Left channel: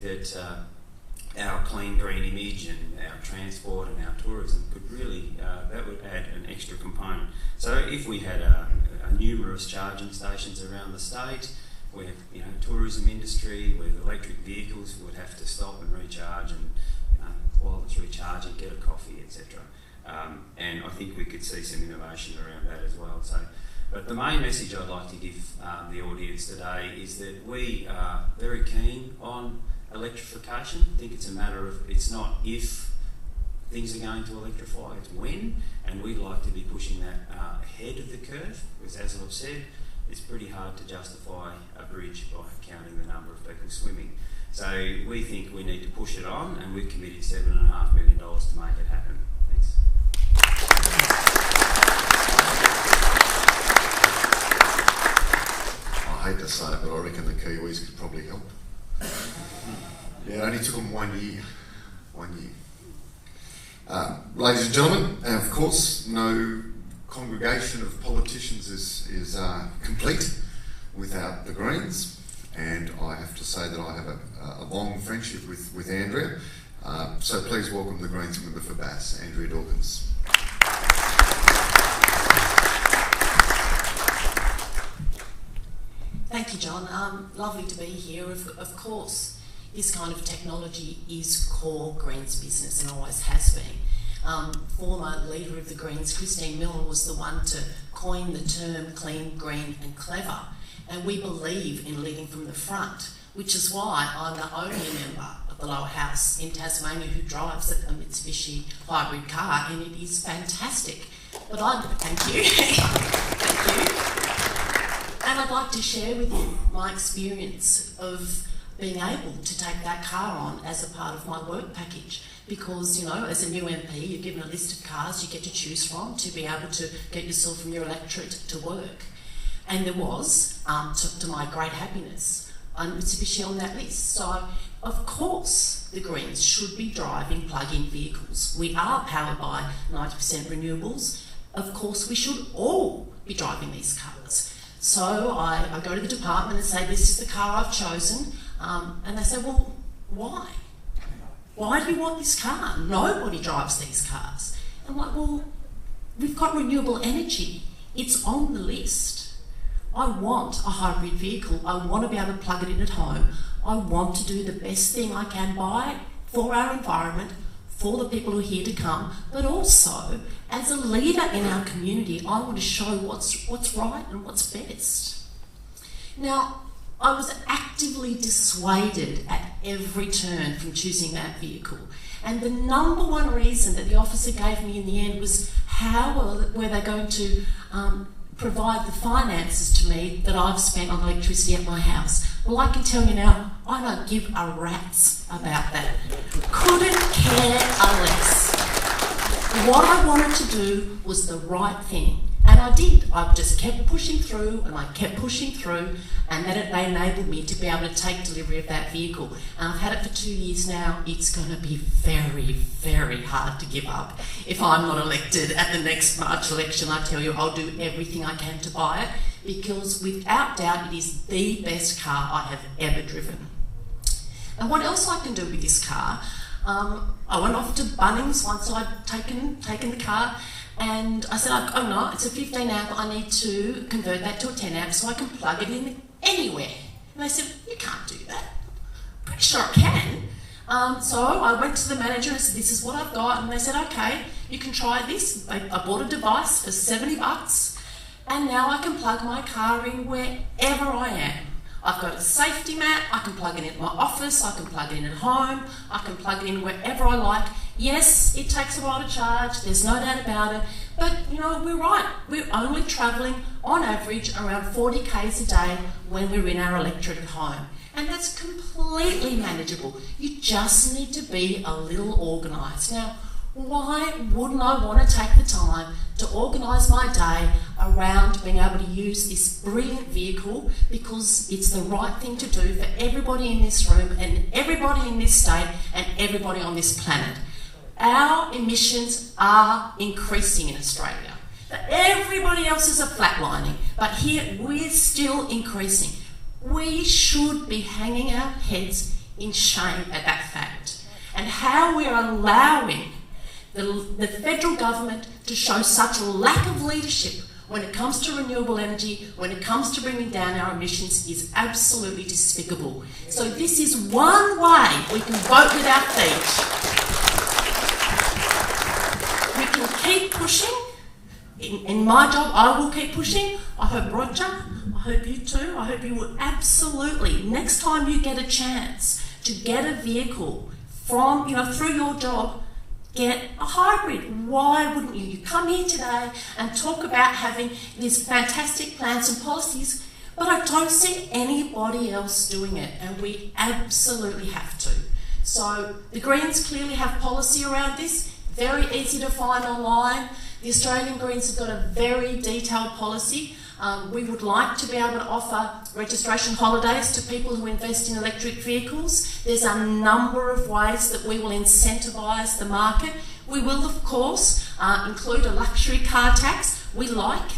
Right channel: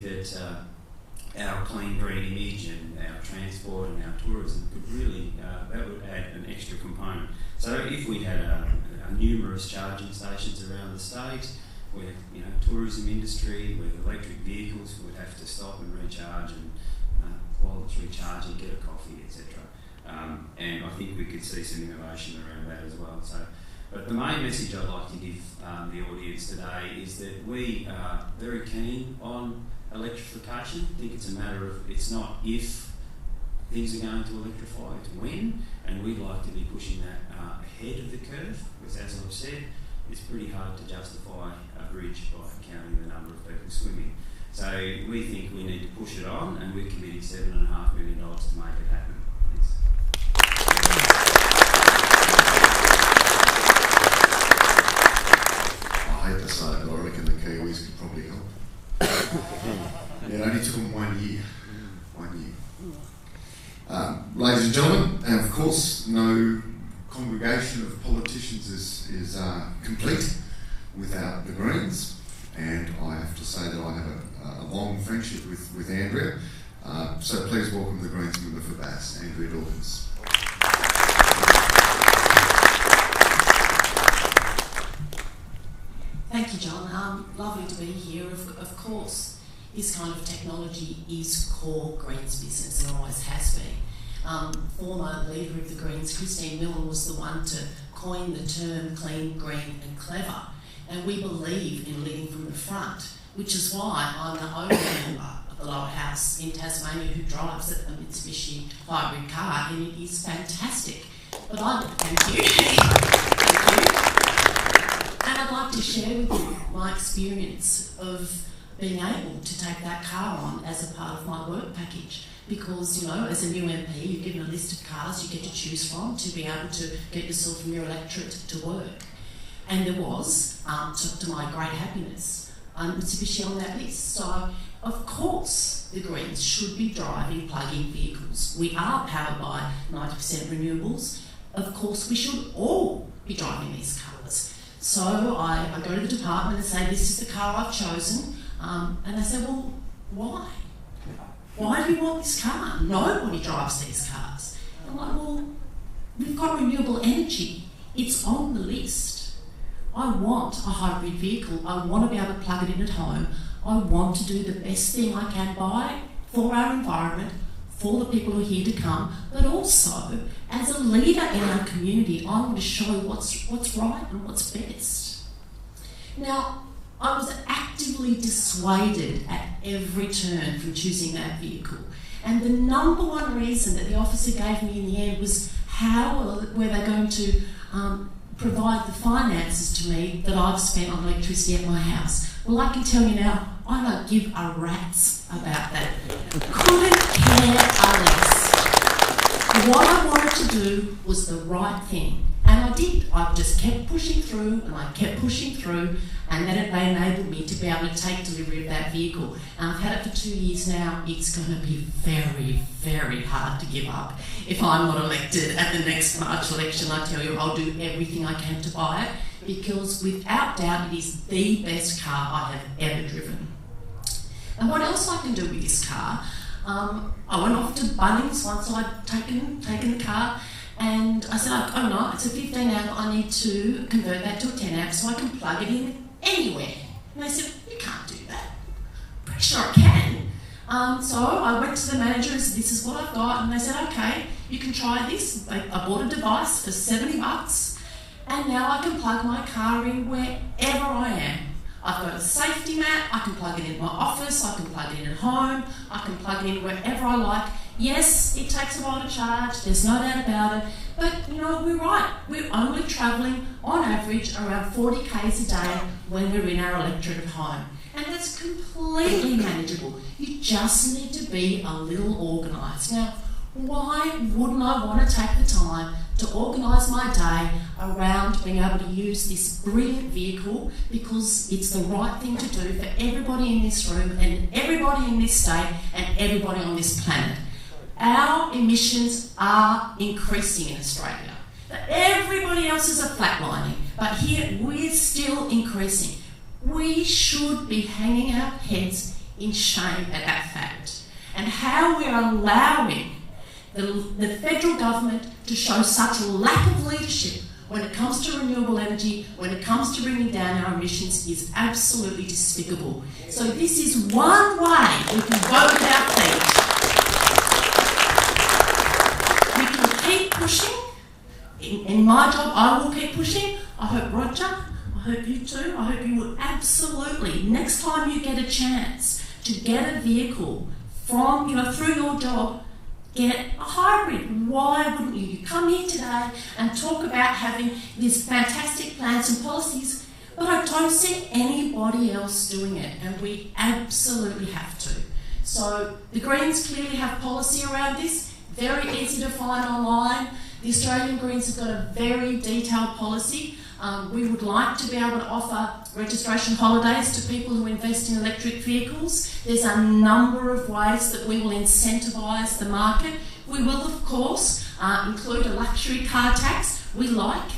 that our clean green image and our transport and our tourism could really, that would add an extra component. So if we had numerous charging stations around the state, where tourism industry, with electric vehicles would have to stop and recharge, and while it's recharging, get a coffee, etc. And I think we could see some innovation around that as well. So, but the main message I'd like to give the audience today is that we are very keen on electrification. I think it's a matter of, it's not if things are going to electrify, it's when, and we'd like to be pushing that ahead of the curve, because as I've said, it's pretty hard to justify a bridge by counting the number of people swimming. So we think we need to push it on, and we've committed $7.5 million to make it happen. Thanks. I hate to say it, but I reckon the Kiwis could probably help. It only took them 1 year. 1 year. Ladies and gentlemen, and of course, no congregation of politicians is complete without the Greens, and I have to say that I have a long friendship with Andrea, so please welcome the Greens member for Bass, Andrea Dawkins. Thank you, John. Lovely to be here. Of course, this kind of technology is core Greens business and always has been. Former leader of the Greens, Christine Millen, was the one to coin the term clean, green and clever. And we believe in leading from the front, which is why I'm the only member of the lower house in Tasmania who drives a Mitsubishi hybrid car, and it is fantastic. But thank you. Thank you. And I'd like to share with you my experience of being able to take that car on as a part of my work package. Because, as a new MP, you're given a list of cars you get to choose from to be able to get yourself from your electorate to work. And there was, to my great happiness, Mitsubishi on that list. So, of course, the Greens should be driving plug-in vehicles. We are powered by 90% renewables. Of course, we should all be driving these cars. So I go to the department and say, this is the car I've chosen. And they say, well, why? Why do you want this car? Nobody drives these cars. I'm like, well, we've got renewable energy. It's on the list. I want a hybrid vehicle. I want to be able to plug it in at home. I want to do the best thing I can by for our environment, for the people who are here to come, but also as a leader in our community, I want to show what's right and what's best. Now, I was actively dissuaded at every turn from choosing that vehicle. And the number one reason that the officer gave me in the end was how were they going to provide the finances to me that I've spent on electricity at my house. Well, I can tell you now, I don't give a rat's about that. Couldn't care less. What I wanted to do was the right thing. And I did. I just kept pushing through and I kept pushing through, and they enabled me to be able to take delivery of that vehicle. And I've had it for 2 years now. It's going to be very, very hard to give up. If I'm not elected at the next March election, I tell you, I'll do everything I can to buy it, because without doubt it is the best car I have ever driven. And what else I can do with this car? I went off to Bunnings once I'd taken the car, and I said, oh no, it's a 15 amp, I need to convert that to a 10 amp so I can plug it in anywhere. And they said, you can't do that. Pretty sure I can. So I went to the manager and said, this is what I've got, and they said, okay, you can try this. I bought a device for $70, and now I can plug my car in wherever I am. I've got a safety mat, I can plug it in my office, I can plug it in at home, I can plug it in wherever I like. Yes, it takes a while to charge, there's no doubt about it, but we're right. We're only travelling on average around 40 k's a day when we're in our electorate at home. And that's completely manageable. You just need to be a little organised. Now, why wouldn't I want to take the time to organise my day around being able to use this brilliant vehicle, because it's the right thing to do for everybody in this room and everybody in this state and everybody on this planet. Our emissions are increasing in Australia. Everybody else's are flatlining, but here we're still increasing. We should be hanging our heads in shame at that fact, and how we're allowing the federal government to show such a lack of leadership when it comes to renewable energy, when it comes to bringing down our emissions, is absolutely despicable. So this is one way we can vote with our feet. We can keep pushing. In my job, I will keep pushing. I hope Roger, I hope you too, I hope you will absolutely, next time you get a chance to get a vehicle from, through your job, get a hybrid. Why wouldn't you? You come here today and talk about having these fantastic plans and policies, but I don't see anybody else doing it, and we absolutely have to. So the Greens clearly have policy around this, very easy to find online. The Australian Greens have got a very detailed policy. We would like to be able to offer registration holidays to people who invest in electric vehicles. There's a number of ways that we will incentivise the market. We will, of course, include a luxury car tax. We like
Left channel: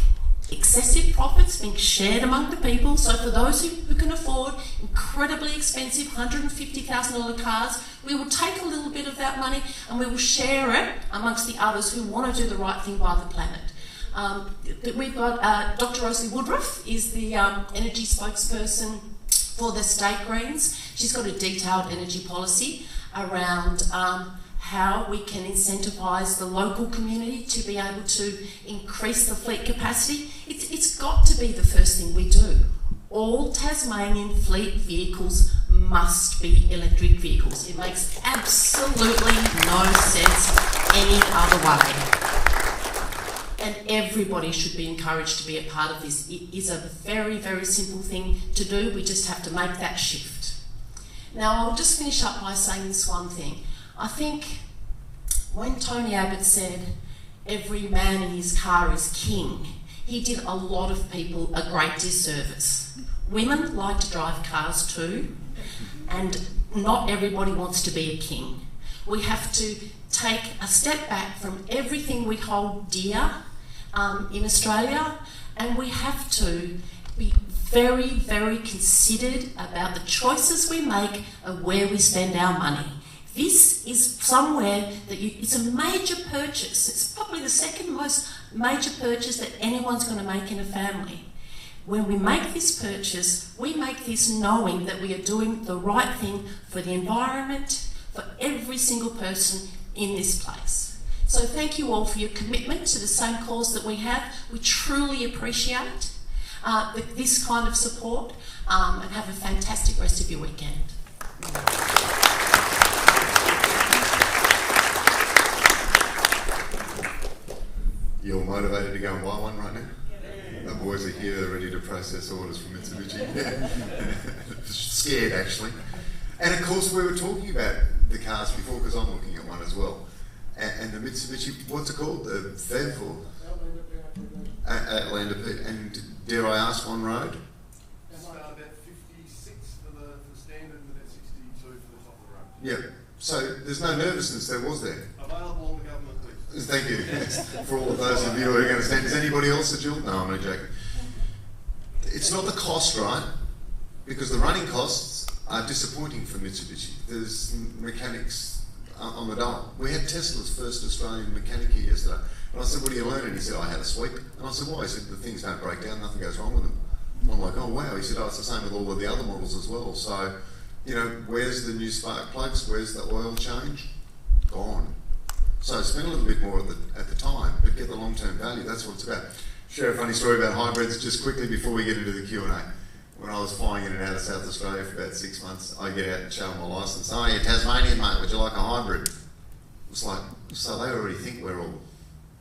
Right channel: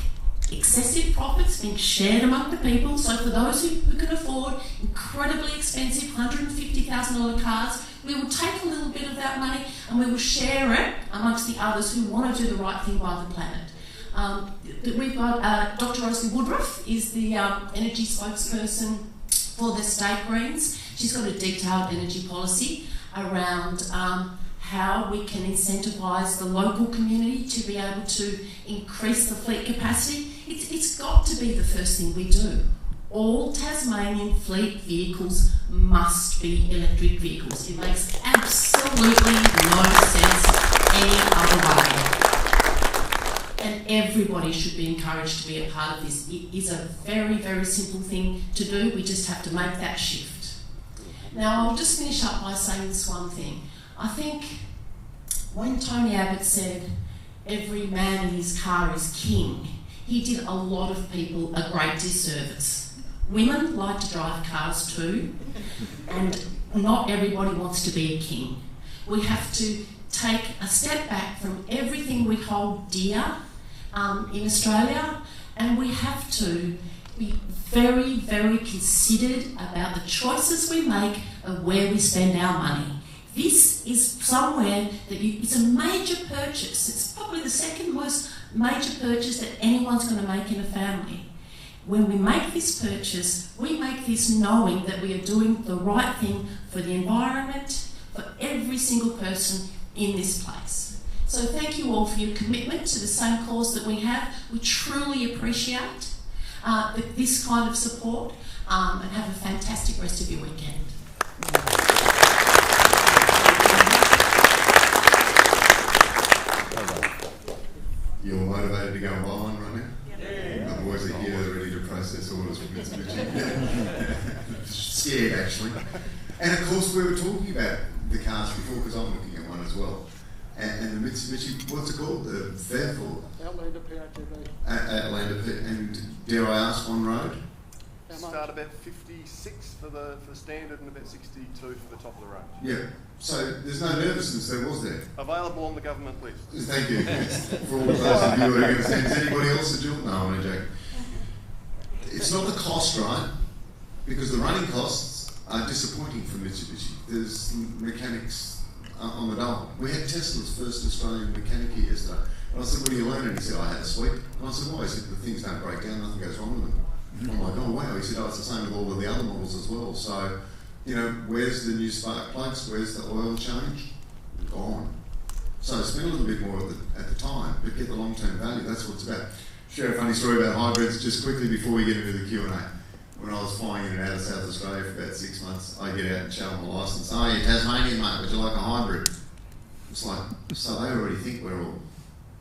excessive profits being shared among the people. So for those who can afford incredibly expensive $150,000 cars, we will take a little bit of that money and we will share it amongst the others who want to do the right thing by the planet. We've got Dr. Rosalie Woodruff is the energy spokesperson for the State Greens. She's got a detailed energy policy around how we can incentivise the local community to be able to increase the fleet capacity. It's got to be the first thing we do. All Tasmanian fleet vehicles must be electric vehicles. It makes absolutely no sense any other way. And everybody should be encouraged to be a part of this. It is a very, very simple thing to do. We just have to make that shift. Now, I'll just finish up by saying this one thing. I think when Tony Abbott said, every man in his car is king, he did a lot of people a great disservice. Women like to drive cars too, and not everybody wants to be a king. We have to take a step back from everything we hold dear in Australia, and we have to be very, very considered about the choices we make of where we spend our money. This is somewhere that it's a major purchase. It's probably the second most major purchase that anyone's going to make in a family. When we make this purchase, we make this knowing that we are doing the right thing for the environment, for every single person in this place. So thank you all for your commitment to the same cause that we have. We truly appreciate this kind of support, and have a fantastic rest of your weekend. You're motivated to go and buy one right now? Yeah. The boys are here, they're ready to process orders from Mitsubishi. Scared, actually. And of course, we were talking about the cars before, because I'm looking at one as well. And the Mitsubishi, what's it called? The FEV or? Outlander P. And dare I ask, on road? Start about 56 for the standard and about 62 for the top of the range. Yeah. So there's no nervousness there, was there? Available on the government list. Thank you. For all of those of you who are going to say, is anybody else a dual? No, I'm only joking. It's not the cost, right? Because the running costs are disappointing for Mitsubishi. There's mechanics on the dole. We had Tesla's first Australian mechanic here yesterday. And I said, what do you learn? And he said, I had a sweep. And I said, why? He said, the things don't break down, nothing goes wrong with them. And I'm like, oh wow. He said, oh, it's the same with all of the other models as well. So, you know, where's the new spark plugs? Where's the oil change? Gone. So spend a little bit more at the time, but get the long-term value. That's what it's about. Share a funny story about hybrids just quickly before we get into the Q&A. When I was flying in and out of South Australia for about 6 months, I get out and show them my licence. Oh, you're Tasmanian, mate. Would you like a hybrid? It's like, so they already think we're all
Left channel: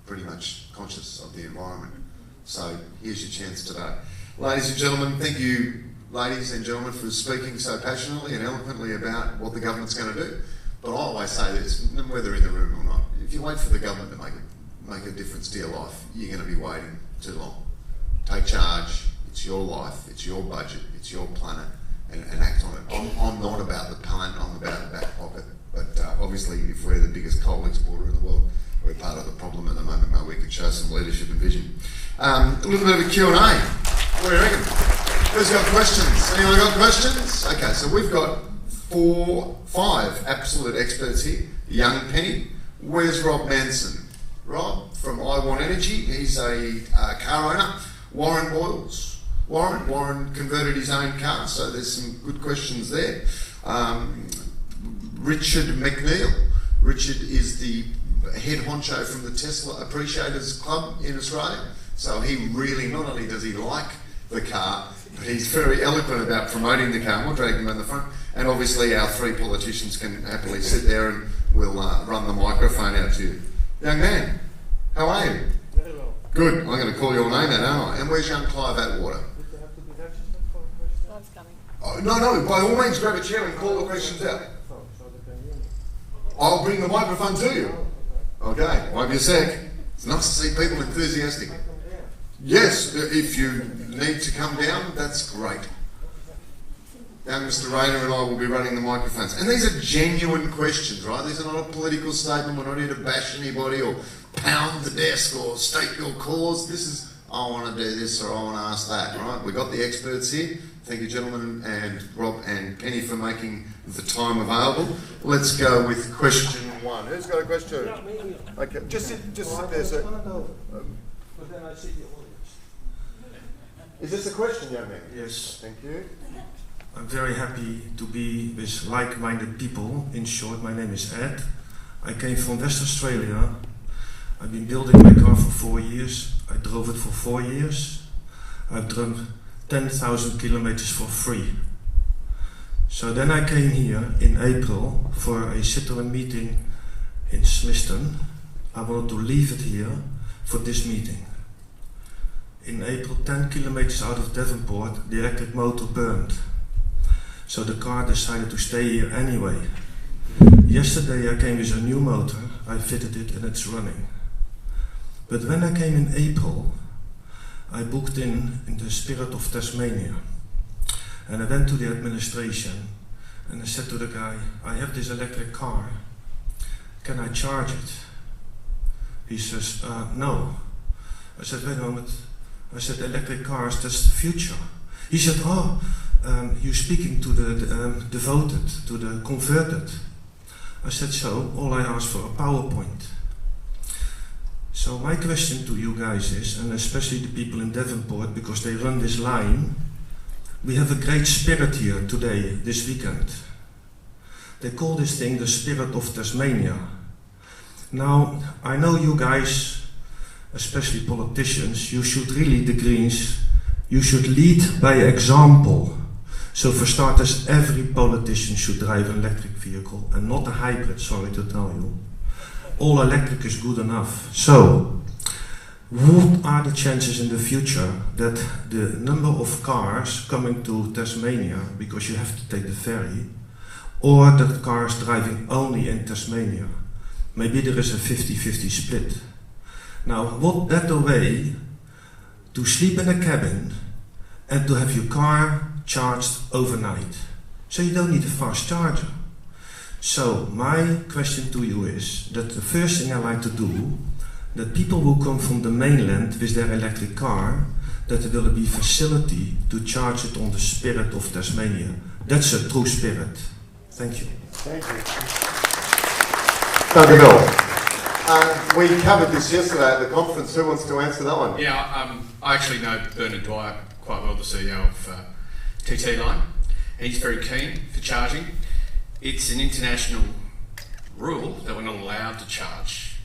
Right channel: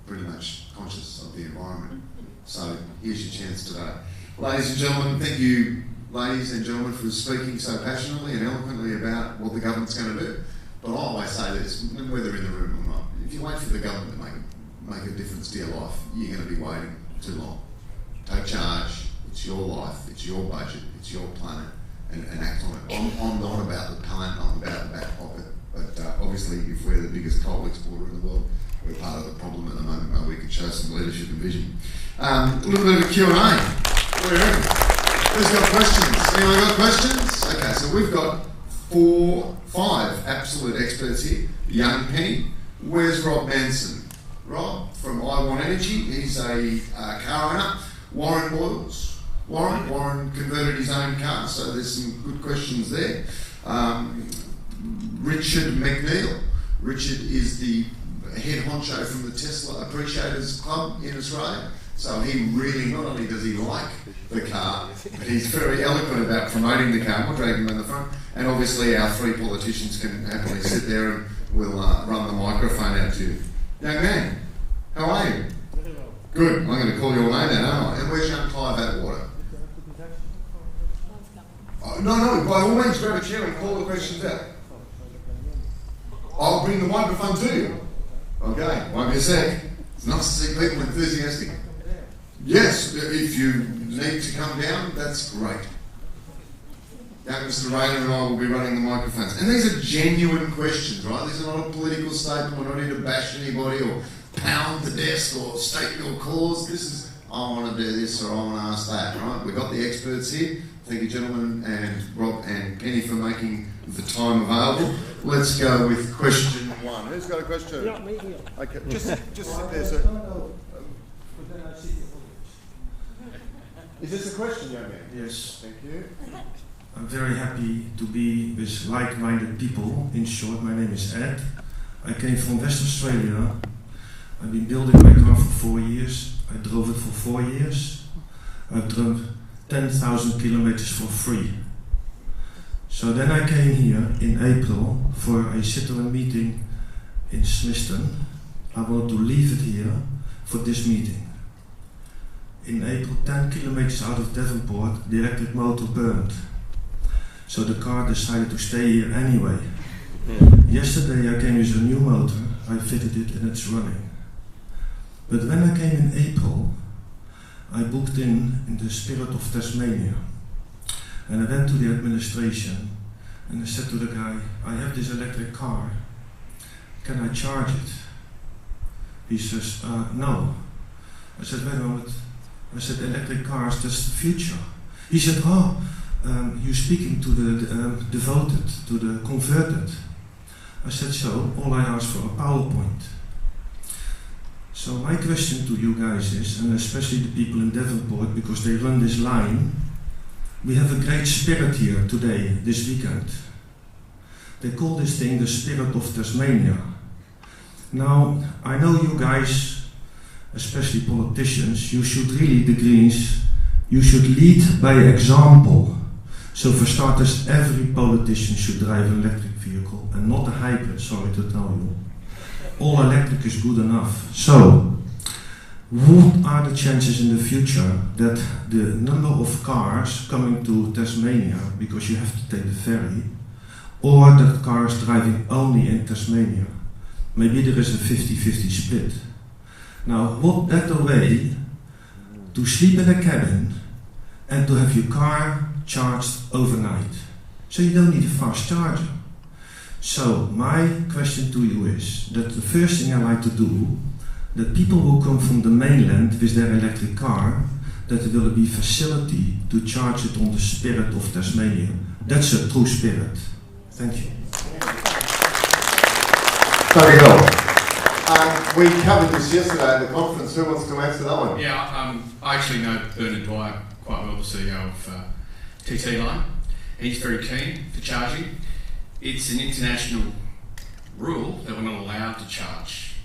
pretty much conscious of the environment. So here's your chance today. Ladies and gentlemen, thank you, ladies and gentlemen, for speaking so passionately and eloquently about what the government's going to do. But I always say this, whether in the room or not, if you wait for the government to make a difference to your life, you're going to be waiting too long. Take charge. It's your life, it's your budget, it's your planet, and act on it. I'm not about the planet, I'm about the back pocket. But obviously, if we're the biggest coal exporter in the world, we're part of the problem at the moment, where we could show some leadership and vision. A little bit of a Q&A. What do you reckon? Who's got questions? Anyone got questions? Okay, so we've got five absolute experts here. Young Penny. Where's Rob Manson? Rob from I Want Energy. He's a car owner. Warren Boyles. Warren converted his own car, so there's some good questions there. Richard McNeil. Richard is the head honcho from the Tesla Appreciators Club in Australia. So he really, not only does he like the car, but he's very eloquent about promoting the car. We'll drag him in the front. And obviously our three politicians can happily sit there and we'll run the microphone out to you. Young man, how are you? Very well. Good. I'm going to call your name then, aren't I? And where's young Clive Atwater? Oh, no, by all means grab a chair and call the questions out. I'll bring the microphone to you. Okay, won't be a sec. It's nice to see people enthusiastic. Yes, if you need to come down, that's great. Young Mr. Rayner and I will be running the microphones. And these are genuine questions, right? These are not a political statement. We're not here to bash anybody or pound the desk or state your cause. This is, I want to do this or I want to ask that, right? We've got the experts here. Thank you, gentlemen, and Rob and Penny for making the time available. Let's go with question one. Who's got a question? Yeah, me. Okay, just sit there, sir. Is this a question, young man? Yes. Thank you. I'm very happy to be with like-minded people. In short, my name is Ed. I came from West Australia. I've been building my car for 4 years. I drove it for 4 years. I've driven 10,000 kilometers for free. So then I came here in April for a Citroën meeting in Smithton. I wanted to leave it here for this meeting. In April, 10 kilometers out of Devonport, the electric motor burned. So the car decided to stay here anyway. Yesterday I came with a new motor, I fitted it and it's running. But when I came in April, I booked in the Spirit of Tasmania. And I went to the administration and I said to the guy, I have this electric car, can I charge it? He says, no. I said, wait a moment. I said, electric cars, that's the future. He said, you're speaking to the devoted, to the converted. I said, so, all I asked for a PowerPoint. So my question to you guys is, and especially the people in Devonport, because they run this line, we have a great spirit here today, this weekend. They call this thing the Spirit of Tasmania. Now, I know you guys, especially politicians, you should really, the Greens, you should lead by example. So for starters, every politician should drive an electric vehicle and not a hybrid, sorry to tell you. All electric is good enough. So, what are the chances in the future that the number of cars coming to Tasmania, because you have to take the ferry, or that cars driving only in Tasmania? Maybe there is a 50-50 split. Now, what better way to sleep in a cabin and to have your car charged overnight? So you don't need a fast charger. So my question to you is that the first thing I like to do, that people who come from the mainland with their electric car, that there will be facility to charge it on the Spirit of Tasmania. That's a true spirit. Thank you. Thank you. Dr. Bell. We covered this yesterday at the conference. Who wants to answer that one? Yeah, I actually know Bernard Dwyer quite well, the CEO of TT Line. He's very keen for charging. It's an international rule that we're not allowed to charge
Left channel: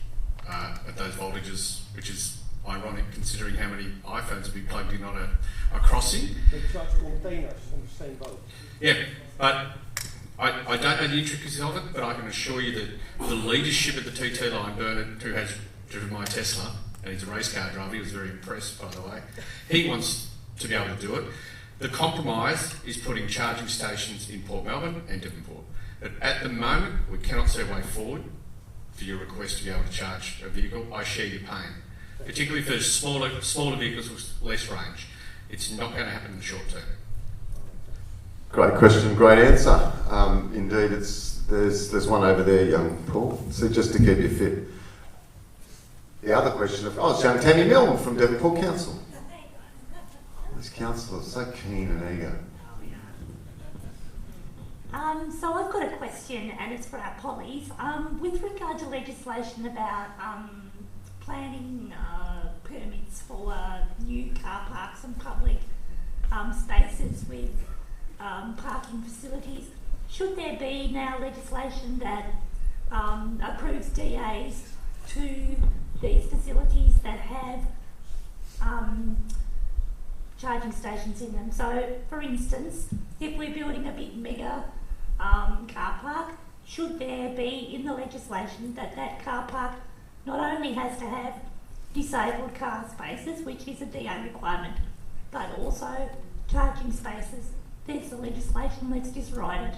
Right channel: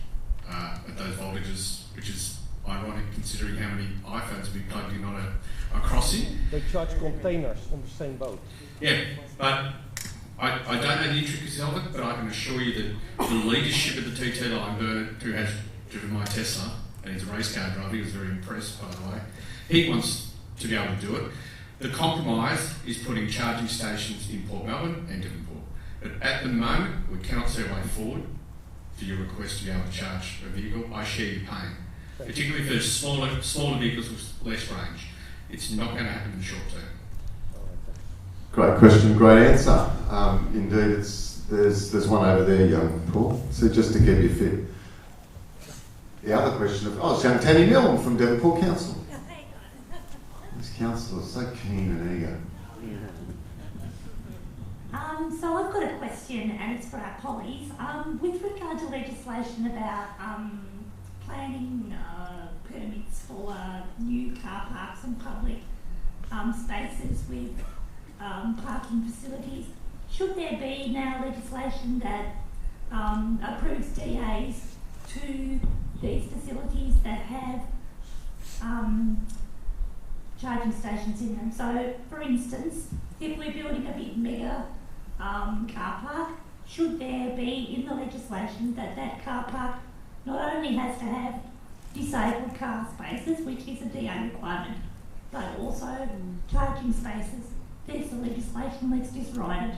at those voltages, which is ironic considering how many iPhones will be plugged in on a crossing. They charge containers on the same boat. Yeah, but I don't know the intricacies of it, but I can assure you that the leadership of the TT Line, Bernard, who has driven my Tesla, and he's a race car driver, he was very impressed, by the way, he wants to be able to do it. The compromise is putting charging stations in Port Melbourne and Devonport. But at the moment, we cannot see a way forward for your request to be able to charge a vehicle. I share your pain, particularly for smaller vehicles with less range. It's not going to happen in the short term. Great question, great answer. Indeed, there's one over there, young Paul. So just to keep you fit. The other question it's young Tammy Milne from Devonport Council. This councillor is so keen and eager. So I've got a question, and it's for our pollies. With regard to legislation about planning permits for new car parks and public spaces with parking facilities, should there be now legislation that approves DAs to these facilities that have charging stations in them? So, for instance, if we're building a big mega car park, should there be in the legislation that that car park not only has to have disabled car spaces, which is a DA requirement, but also charging spaces? There's the legislation, let's just write it.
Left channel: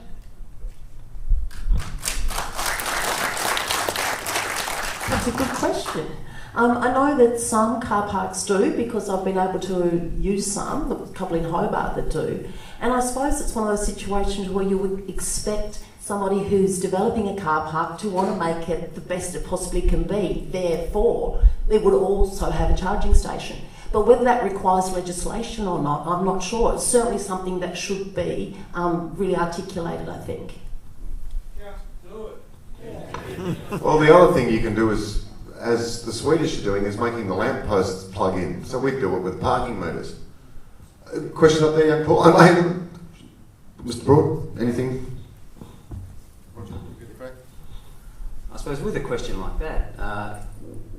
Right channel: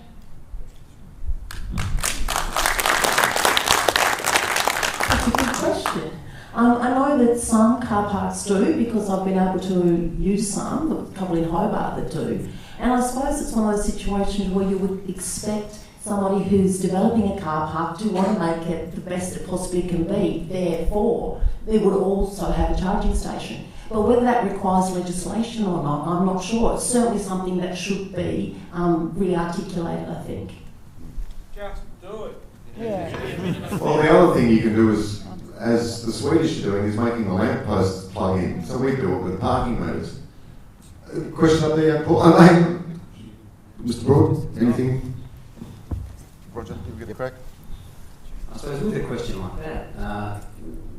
That's a good question. I know that some car parks do, because I've been able to use some, a couple in Hobart that do. And I suppose it's one of those situations where you would expect somebody who's developing a car park to want to make it the best it possibly can be. Therefore, they would also have a charging station. But whether that requires legislation or not, I'm not sure. It's certainly something that should be really articulated, I think. Just do it. Yeah. Well, the other thing you can do is, as the Swedish are doing, is making the lampposts plug in. So we do it with parking meters. Question up there, young Paul? Mr. Broad, anything? Roger, you get the crack? I suppose with a question like that,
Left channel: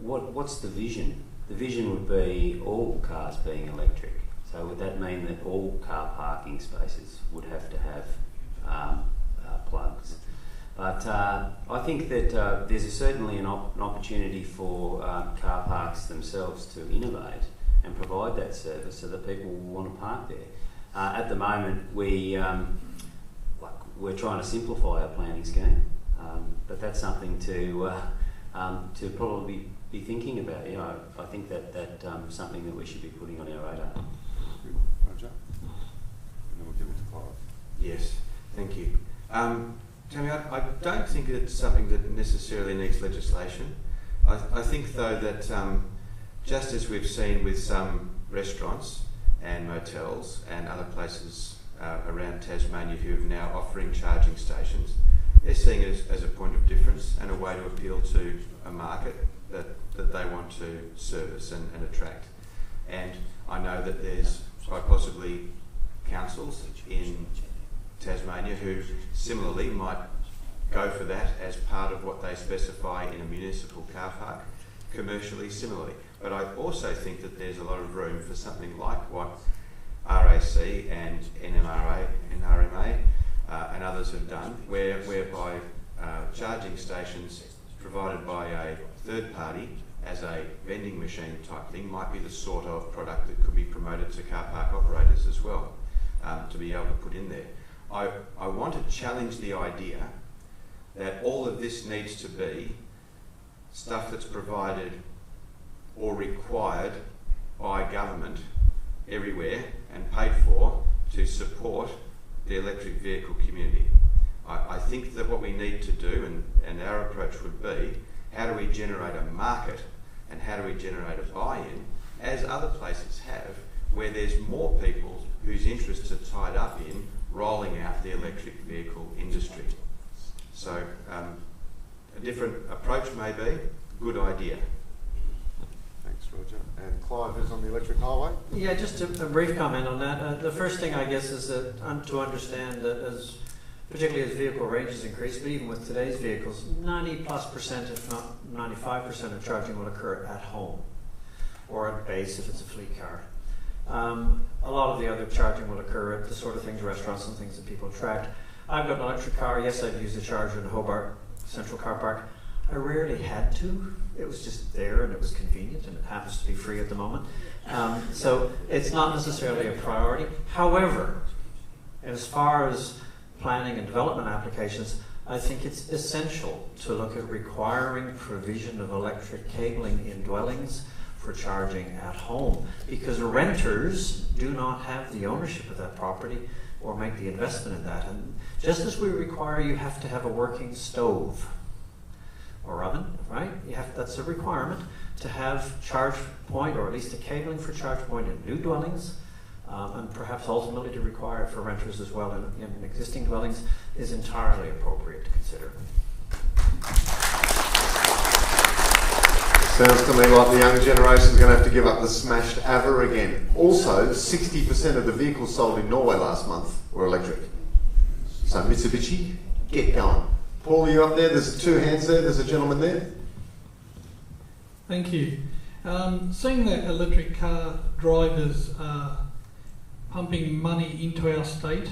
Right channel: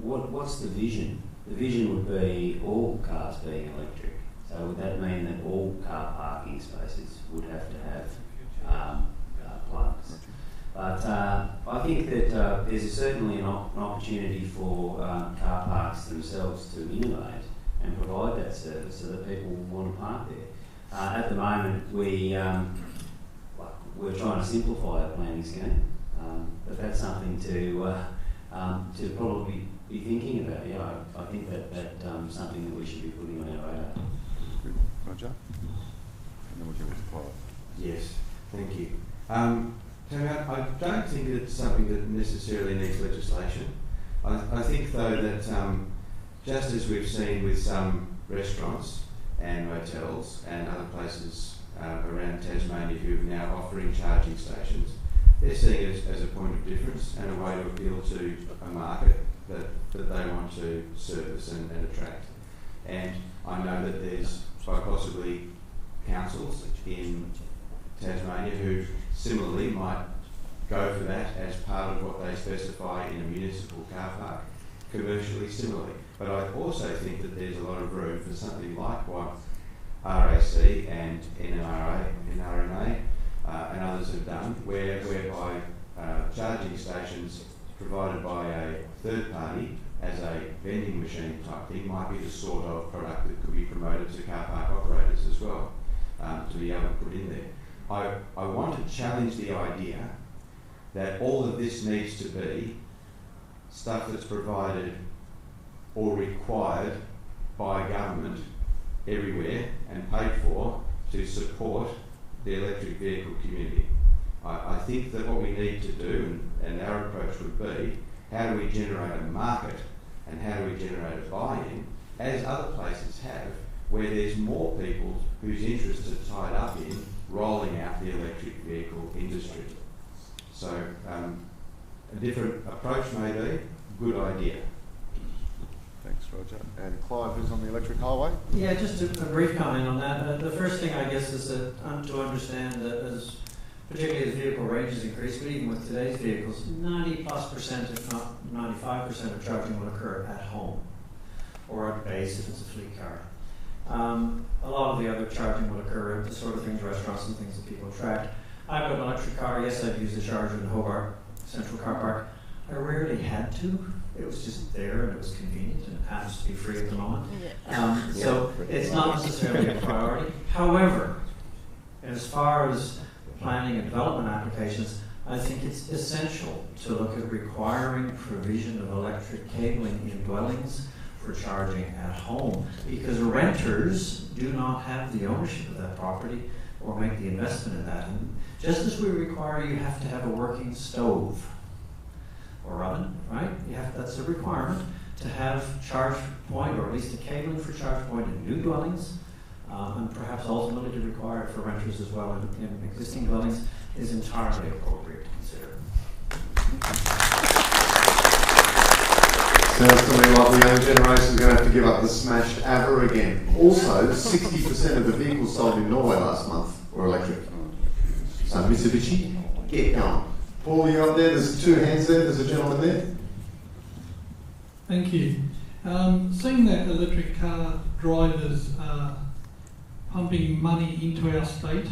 what's the vision? The vision would be all cars being electric. So would that mean that all car parking spaces would have to have plugs? But I think that there's certainly an opportunity for car parks themselves to innovate and provide that service so that people want to park there. At the moment, we're trying to simplify our planning scheme, but that's something to probably be thinking about. Yeah, I think that's something that we should be putting on our radar. Good. Roger? And then we'll give it to Clive. Yes, thank you. Tammy, I don't think it's something that necessarily needs legislation. I think, though, that just as we've seen with some restaurants and motels and other places around Tasmania who are now offering charging stations, they're seeing it as a point of difference and a way to appeal to a market that they want to service and attract. And I know that there's quite possibly councils in Tasmania who similarly might go for that as part of what they specify in a municipal car park, commercially similarly. But I also think that there's a lot of room for something like what RAC and NRMA and others have done, whereby charging stations provided by a third party as a vending machine type thing might be the sort of product that could be promoted to car park operators as well, to be able to put in there. I want to challenge the idea that all of this needs to be stuff that's provided or required by government everywhere and paid for to support the electric vehicle community. I think that what we need to do, and our approach would be, how do we generate a market and how do we generate a buy-in, as other places have, where there's more people whose interests are tied up in rolling out the electric vehicle industry. So a different approach may be, good idea. Thanks, Roger. And Clive is on the electric highway. Yeah, just a brief comment on that. The first thing, I guess, is that to understand that particularly as vehicle ranges increase, but even with today's vehicles, 90+%, if not 95% of charging will occur at home or at base if it's a fleet car. A lot of the other charging will occur at the sort of things, restaurants and things that people attract. I've got an electric car. Yes, I've used a charger in the Hobart Central Car Park. I rarely had to. It was just there and it was convenient and it happens to be free at the moment. So it's not necessarily a priority. However, as far as planning and development applications, I think it's essential to look at requiring provision of electric cabling in dwellings for charging at home, because renters do not have the ownership of that property or make the investment in that. And just as we require you have to have a working stove or oven, right? That's a requirement to have charge point, or at least a cabling for charge point in new dwellings. and perhaps ultimately to require it for renters as well in existing dwellings, is entirely appropriate to consider. Sounds to me like the younger generation is going to have to give up the smashed AEVA again. Also, 60% of the vehicles sold in Norway last month were electric. So Mitsubishi, get going. Paul, are you up there? There's 2 hands there. There's a gentleman there. Thank you. Seeing that electric car drivers are pumping money into our state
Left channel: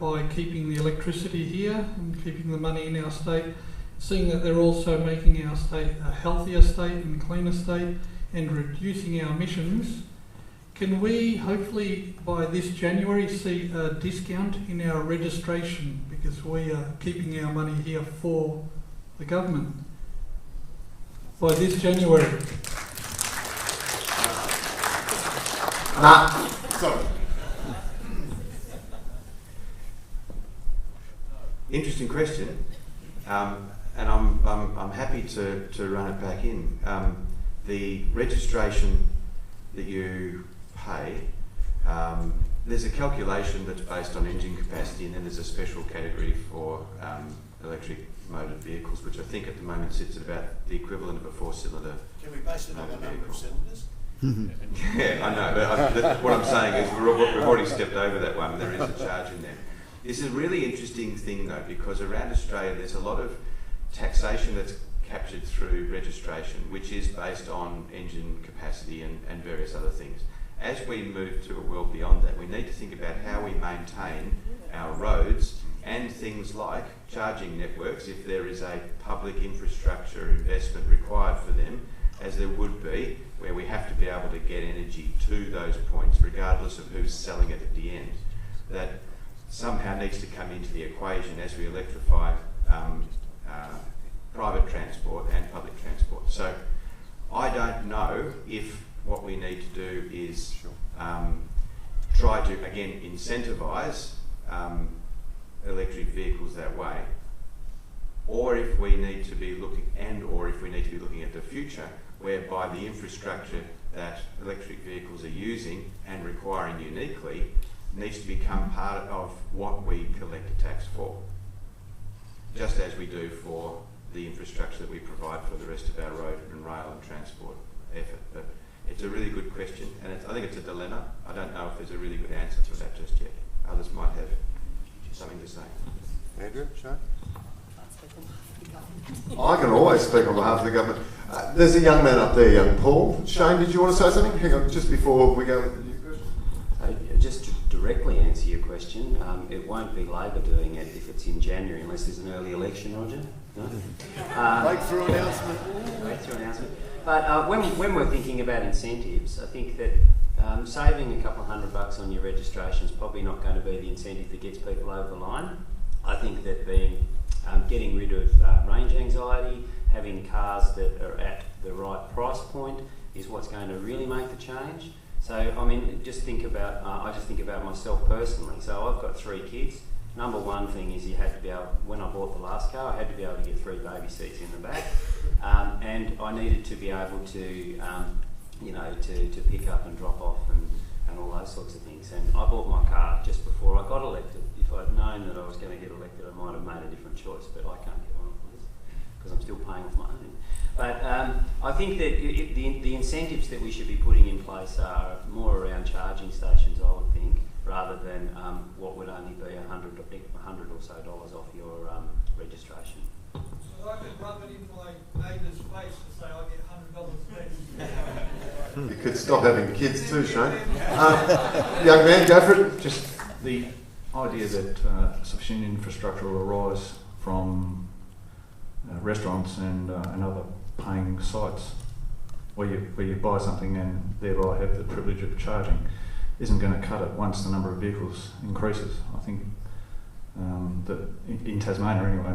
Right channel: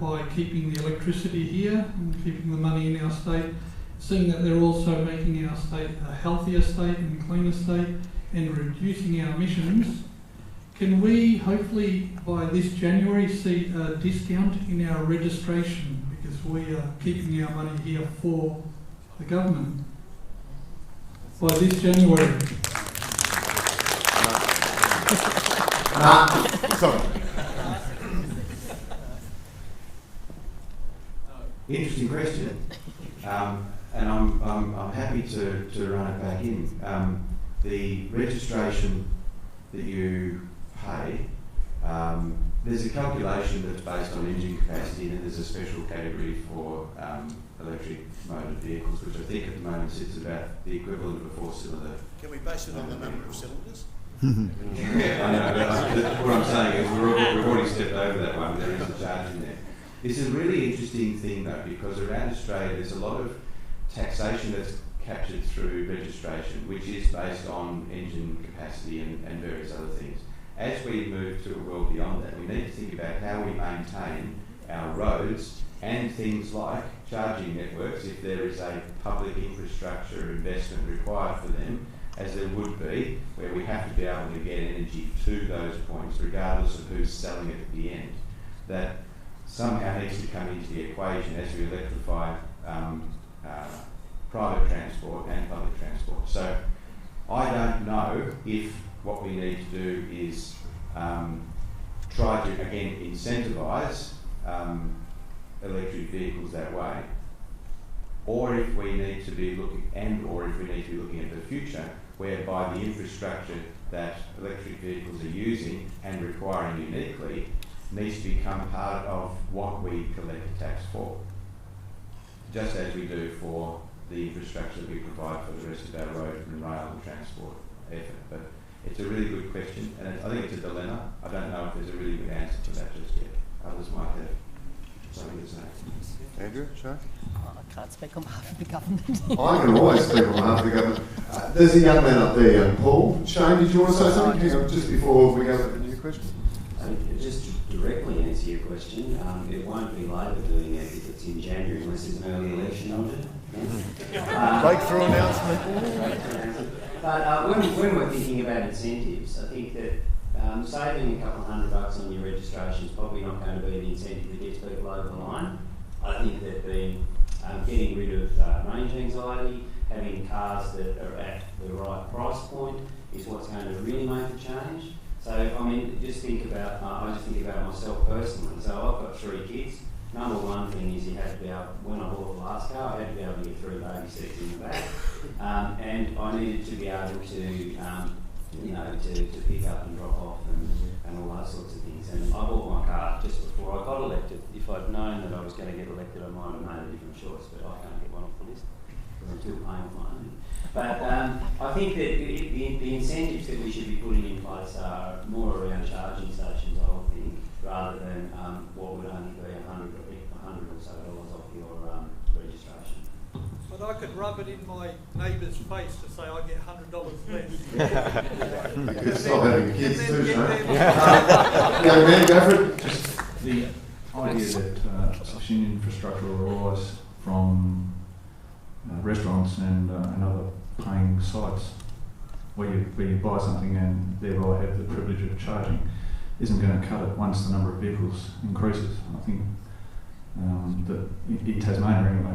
by keeping the electricity here and keeping the money in our state, seeing that they're also making our state a healthier state and cleaner state and reducing our emissions, can we hopefully by this January see a discount in our registration because we are keeping our money here for the government? By this January. Sorry. Interesting question, and I'm happy to run it back in. The registration that you pay, there's a calculation that's based on engine capacity, and then there's a special category for electric motor vehicles, which I think at the moment sits at about the equivalent of a 4-cylinder. Can we base it on the number of cylinders? Yeah, I know, but what I'm saying is we've already stepped over that one. There is a charge in there. This is a really interesting thing though, because around Australia there's a lot of taxation that's captured through registration, which is based on engine capacity and various other things. As we move to a world beyond that, we need to think about how we maintain our roads and things like charging networks, if there is a public infrastructure investment required for them, as there would be, where we have to be able to get energy to those points, regardless of who's selling it at the end. That somehow needs to come into the equation as we electrify private transport and public transport. So I don't know if what we need to do is try to, again, incentivise electric vehicles that way, or if we need to be looking, at the future, whereby the infrastructure that electric vehicles are using and requiring uniquely needs to become part of what we collect a tax for, just as we do for the infrastructure that we provide for the rest of our road and rail and transport effort. But it's a really good question, and I think it's a dilemma. I don't know if there's a really good answer to that just yet. Others might have something to say. Andrew, Shane? I can't speak on behalf of the government. I can always speak on behalf of the government. There's a young man up there, young Paul. Shane, did you want to say something? Hang on, just before we go with the new question. Just to directly answer your question, it won't be Labor doing it if it's in January, unless there's an early election, Roger. Breakthrough announcement. But when we're thinking about incentives, I think that saving a couple of $100 on your registration is probably not going to be the incentive that gets people over the line. I think that getting rid of range anxiety, having cars that are at the right price point is what's going to really make the change. So, I mean, just think about, I just think about myself personally. So I've got 3 kids. Number one thing is you had to be able, when I bought the last car, I had to be able to get 3 baby seats in the back. And I needed to be able to, to pick up and drop off and all those sorts of things. And I bought my car just before I got elected. If I'd known that I was going to get elected, I might have made a different choice, but I can't get one off the list because I'm still paying with my own. But I think that the incentives that we should be putting in place are more around charging stations, I would think, rather than what would only be $100 or so off your registration. But I could rub it in my neighbour's face to say I get $100 less. You could stop having kids too, Shane. Young man, go for it. Just the idea that sufficient infrastructure will arise from restaurants and other paying sites where you buy something and thereby have the privilege of charging isn't going to cut it once the number of vehicles increases. I think that in Tasmania anyway,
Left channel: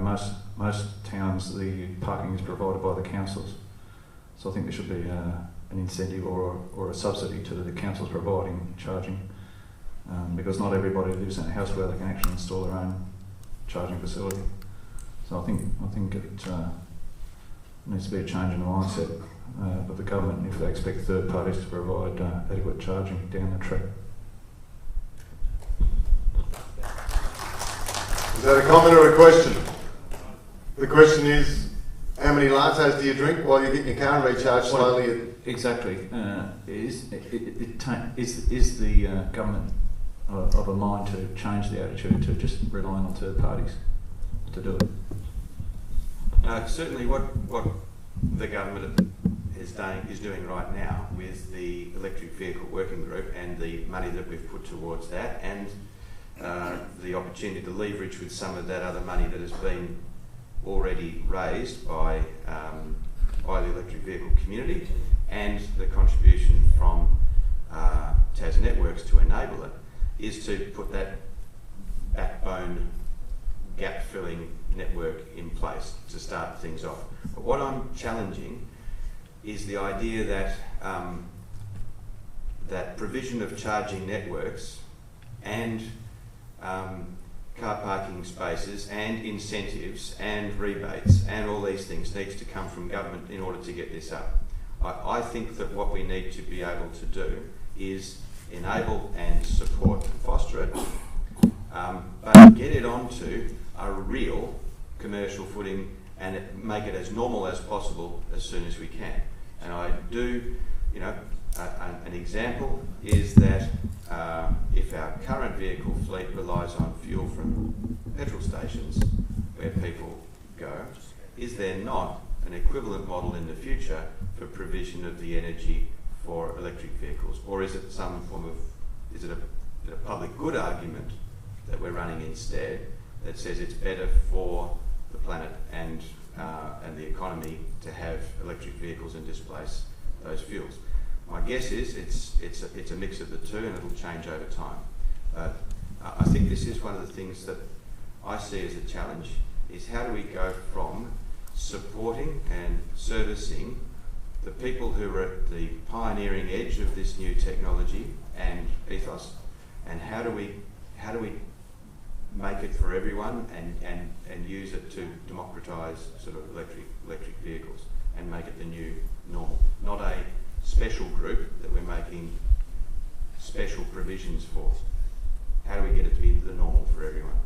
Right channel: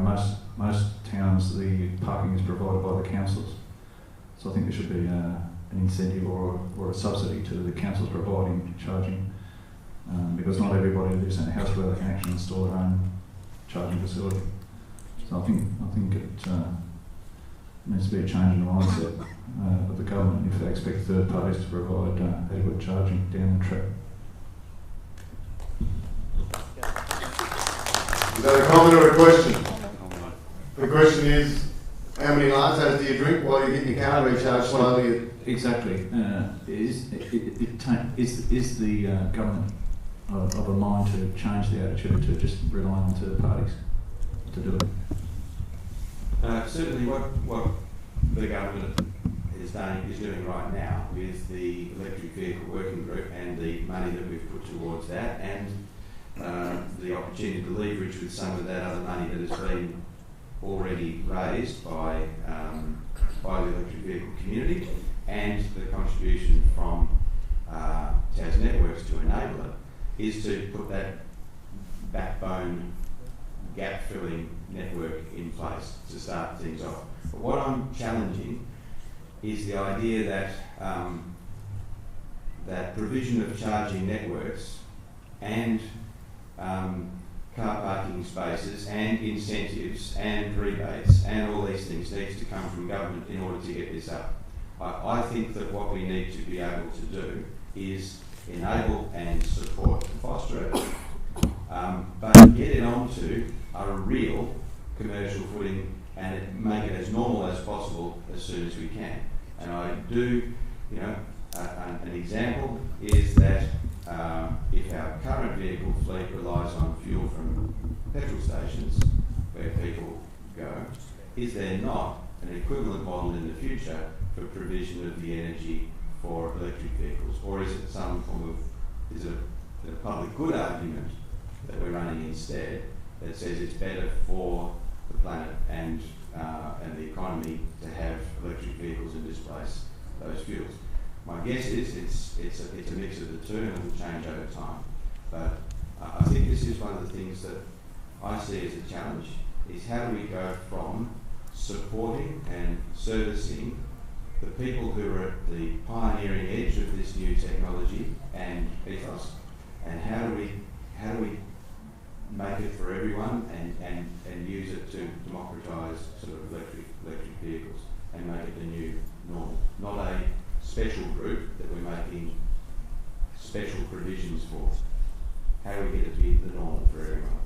most towns the parking is provided by the councils. So I think there should be an incentive or a subsidy to the councils providing charging, because not everybody lives in a house where they can actually install their own charging facility. So I think it needs to be a change in the mindset with the government if they expect third parties to provide adequate charging down the track. that a comment or a question? The question is, how many lattes do you drink while you're getting your car recharged slowly? Exactly. Is the government of a mind to change the attitude to just relying on third parties to do it? Certainly what the government is doing right now with the electric vehicle working group and the money that we've put towards that, and the opportunity to leverage with some of that other money that has been already raised by the electric vehicle community, and the contribution from Tas Networks to enable it, is to put that backbone gap-filling network in place to start things off. But what I'm challenging is the idea that that provision of charging networks and car parking spaces and incentives and rebates and all these things needs to come from government in order to get this up. I think that what we need to be able to do is enable and support and foster it, but get it onto a real commercial footing and make it as normal as possible as soon as we can. And I do, you know, an example is that if our current vehicle fleet relies on fuel from petrol stations where people go, is there not an equivalent model in the future for provision of the energy for electric vehicles? Or is it some form of, is it a public good argument that we're running instead that says it's better for the planet and the economy to have electric vehicles and displace those fuels? My guess is it's a mix of the two, and it will change over time. But I think this is one of the things that I see as a challenge, is how do we go from supporting and servicing the people who are at the pioneering edge of this new technology and ethos, and how do we make it for everyone and use it to democratise sort of electric vehicles and make it the new normal, not a special group that we're making special provisions for. How do we get it to be the normal for everyone?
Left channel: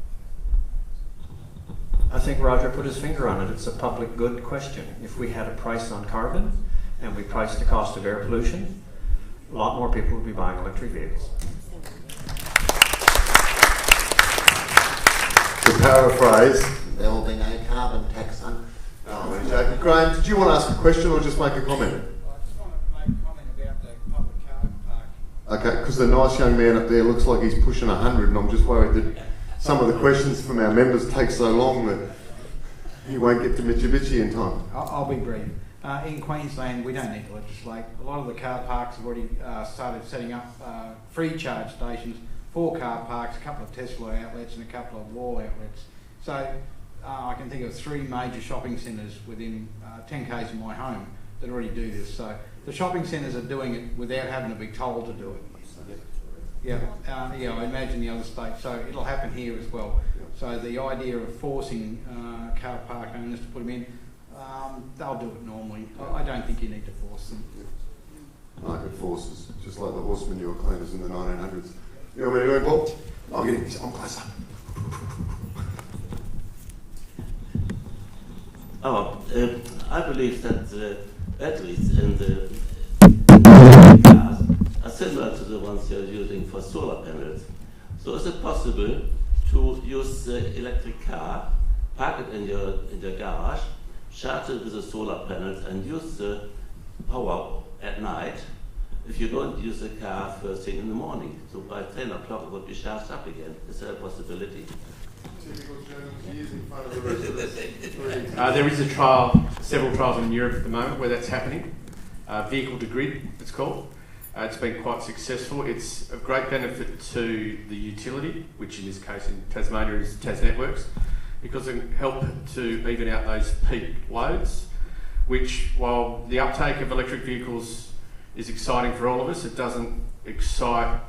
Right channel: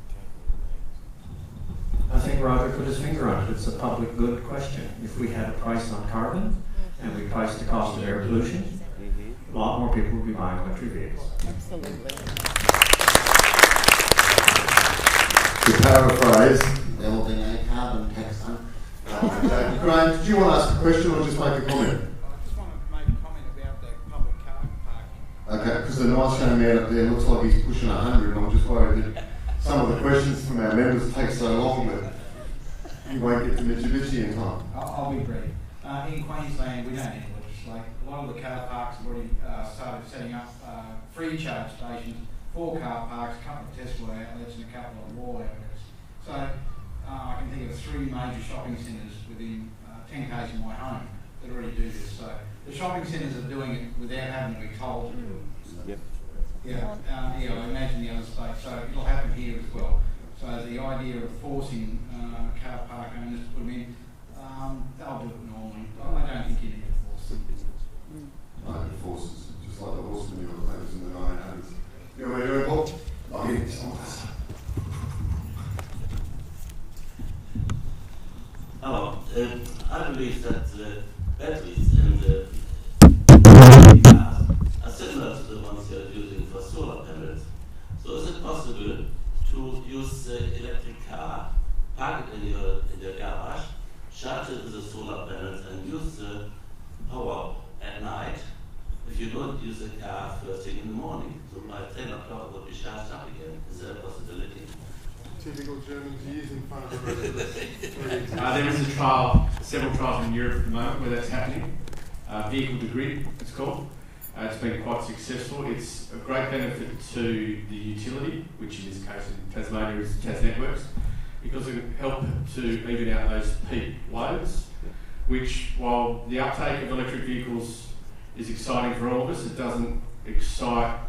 I think Roger put his finger on it. It's a public good question. If we had a price on carbon and we priced the cost of air pollution, a lot more people would be buying electric vehicles. Absolutely. To paraphrase, There will be no carbon tax on. Graham, did you want to ask a question or just make a comment? I just want to make a comment about the public car parking. Okay, because the nice young man up there looks like he's pushing 100, and I'm just worried that some of the questions from our members take so long that you won't get to Mitsubishi in time. I'll be brief. In Queensland, we don't need to legislate. A lot of the car parks have already started setting up free charge stations for car parks, a couple of Tesla outlets and a couple of Wall outlets. So I can think of 3 major shopping centres within 10 k's of my home that already do this. So the shopping centres are doing it without having to be told to do it. Yeah, I imagine the other states. So it'll happen here as well. So the idea of forcing car park owners to put them in, they'll do it normally. I don't think you need to force them. Like it forces, just like the horse manure claims in the 1900s. You know what I mean, Paul? I'll get this on closer. I believe that batteries in the cars are similar to the ones you're using for solar panels. So is it possible to use the electric car, park it in your garage, charge it with the solar panels and use the power at night if you don't use the car first thing in the morning? So by 10 o'clock it will be charged up again. Is there a possibility? Typical Germans years in front of the rest of us. There is a trial, several trials in Europe at the moment where that's happening. Vehicle to grid, it's called. It's been quite successful. It's a great benefit to the utility, which in this case in Tasmania is Tas Networks, because it can help to even out those peak loads, which while the uptake of electric vehicles is exciting for all of us, it doesn't excite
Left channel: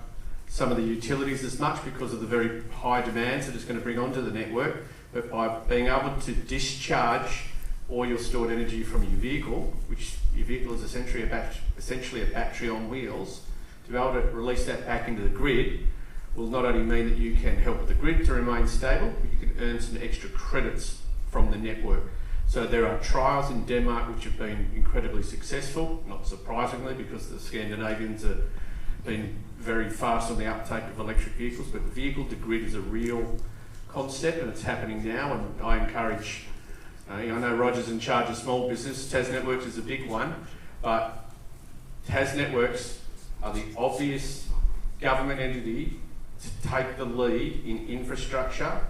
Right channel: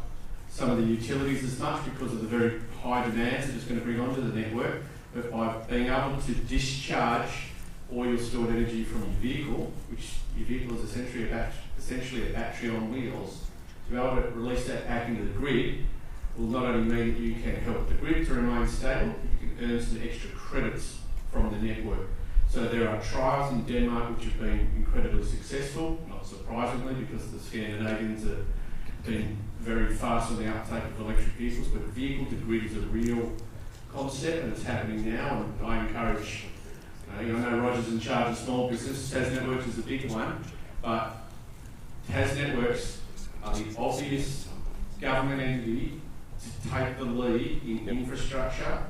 some of the utilities as much because of the very high demands that it's going to bring onto the network. But by being able to discharge all your stored energy from your vehicle, which your vehicle is essentially a battery on wheels, to be able to release that back into the grid will not only mean that you can help the grid to remain stable, but you can earn some extra credits from the network. So there are trials in Denmark which have been incredibly successful, not surprisingly, because the Scandinavians have been very fast on the uptake of electric vehicles, but vehicle to grid is a real concept and it's happening now, and I encourage, I know Roger's in charge of small business, Tas Networks is a big one, but Tas Networks are the obvious government entity to take the lead in infrastructure,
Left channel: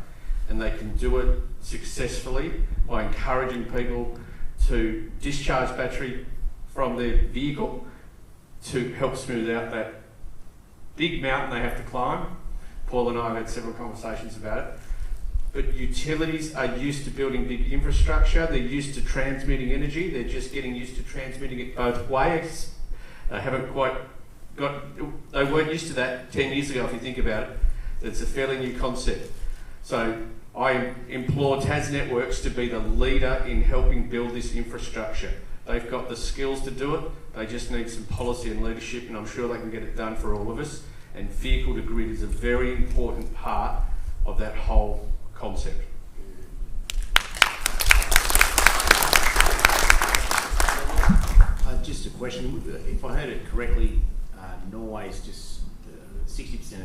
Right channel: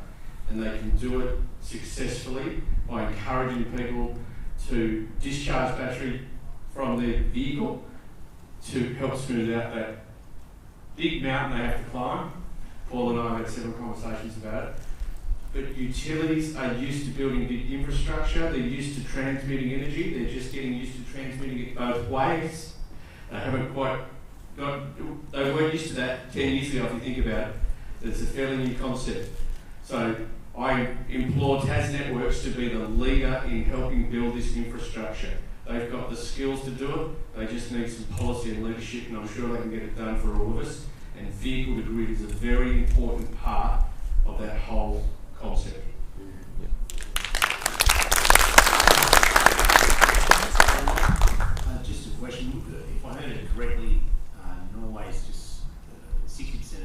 and they can do it successfully by encouraging people to discharge battery from their vehicle to help smooth out that big mountain they have to climb. Paul and I have had several conversations about it. But utilities are used to building big infrastructure, they're used to transmitting energy, they're just getting used to transmitting it both ways. They haven't quite they weren't used to that 10 years ago if you think about it. It's a fairly new concept. So I implore Tas Networks to be the leader in helping build this infrastructure. They've got the skills to do it, they just need some policy and leadership, and I'm sure they can get it done for all of us. And vehicle to grid is a very important part of that whole concept. Just a question, if I heard it correctly, Norway's just 60% of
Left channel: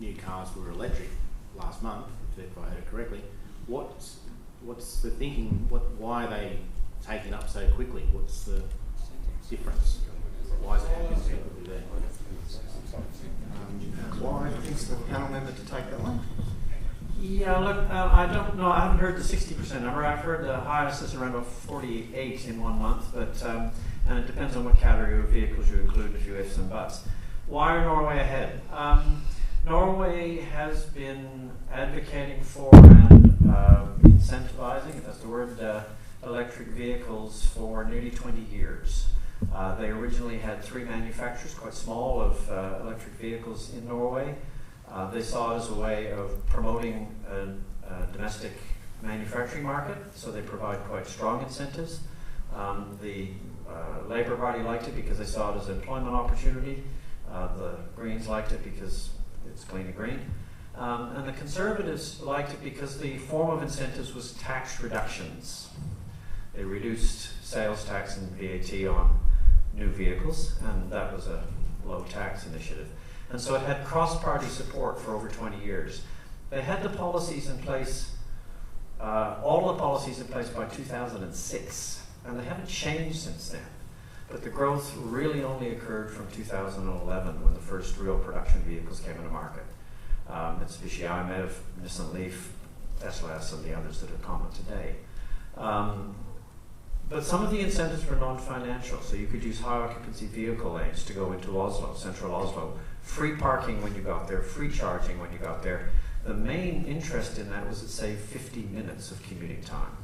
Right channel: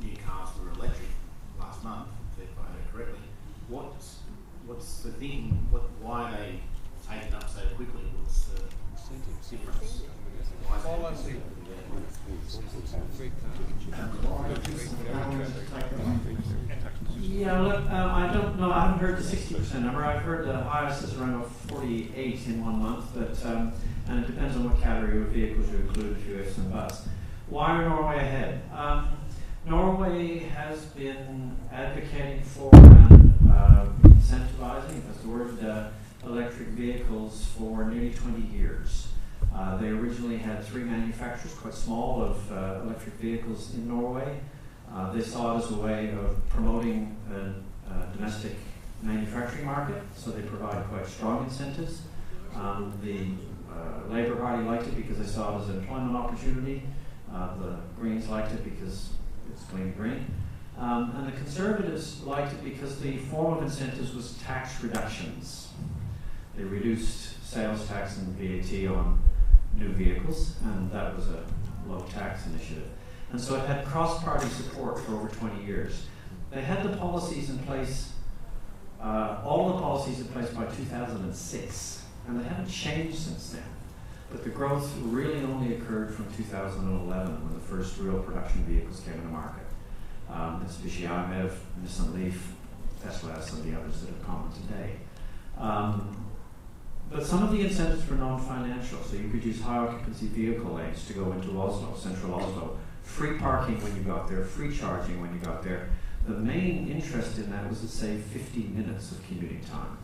the new cars were electric last month, if I heard it correctly. What's the thinking, why are they taking up so quickly? What's the difference? Why is it Why is the panel member to take that one? Yeah, look, I don't know. I haven't heard the 60% number. I've heard the highest is around 48 in 1 month, but and it depends on what category of vehicles you include, a few ifs and buts. Why are Norway ahead? Norway has been advocating for and incentivizing, if that's the word, electric vehicles for nearly 20 years. They originally had 3 manufacturers, quite small, of electric vehicles in Norway. They saw it as a way of promoting a domestic manufacturing market, so they provide quite strong incentives. The Labour Party liked it because they saw it as an employment opportunity. The Greens liked it because it's clean and green. And the Conservatives liked it because the form of incentives was tax reductions. They reduced sales tax and VAT on new vehicles, and that was a low tax initiative. And so it had cross-party support for over 20 years. They had the policies in place, all the policies in place by 2006, and they haven't changed since then. But the growth really only occurred from 2011 when the first real production vehicles came into market. Mitsubishi IMEV, Nissan Leaf, Tesla S, and the others that have come today. But some of the incentives were non-financial, so you could use high occupancy vehicle lanes to go into Oslo, central Oslo, free parking when you got there, free charging when you got there. The main interest in that was it saved 15 minutes of commuting time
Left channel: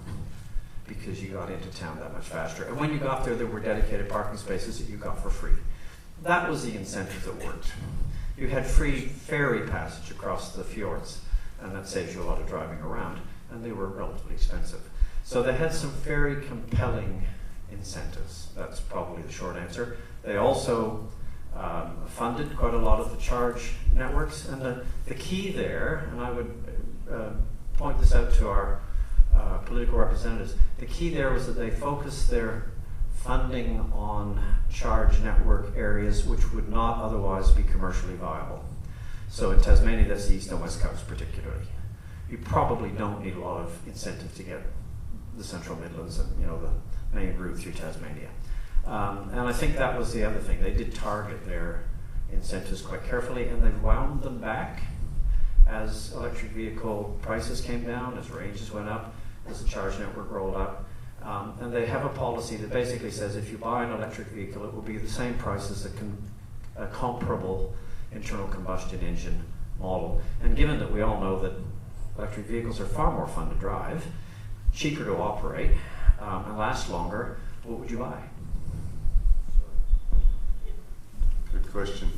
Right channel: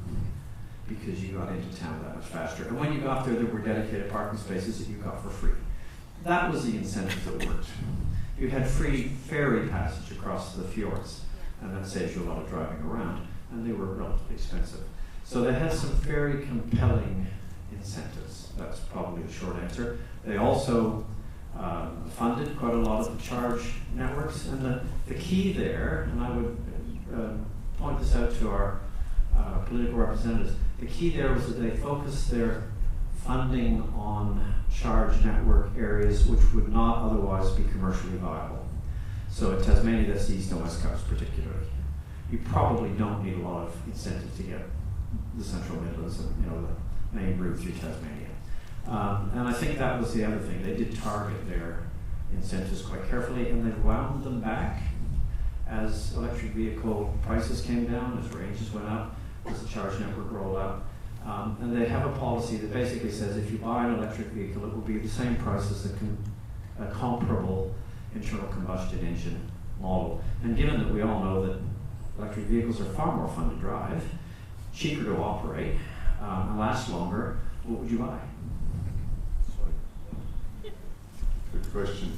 because you got into town that much faster. And when you got there, there were dedicated parking spaces that you got for free. That was the incentive that worked. You had free ferry passage across the fjords, and that saves you a lot of driving around, and they were relatively expensive. So they had some very compelling incentives. That's probably the short answer. They also funded quite a lot of the charge networks, and the key there, and I would point this out to our political representatives, the key there was that they focused their funding on charge network areas which would not otherwise be commercially viable. So in Tasmania, that's the East and West Coast particularly. You probably don't need a lot of incentive to get the Central Midlands and the main route through Tasmania. And I think that was the other thing. They did target their incentives quite carefully, and they've wound them back as electric vehicle prices came down, as ranges went up, as the charge network rolled up. And they have a policy that basically says if you buy an electric vehicle, it will be the same price as a comparable internal combustion engine model. And given that we all know that electric vehicles are far more fun to drive, cheaper to operate, and last longer, what would you buy? Good question.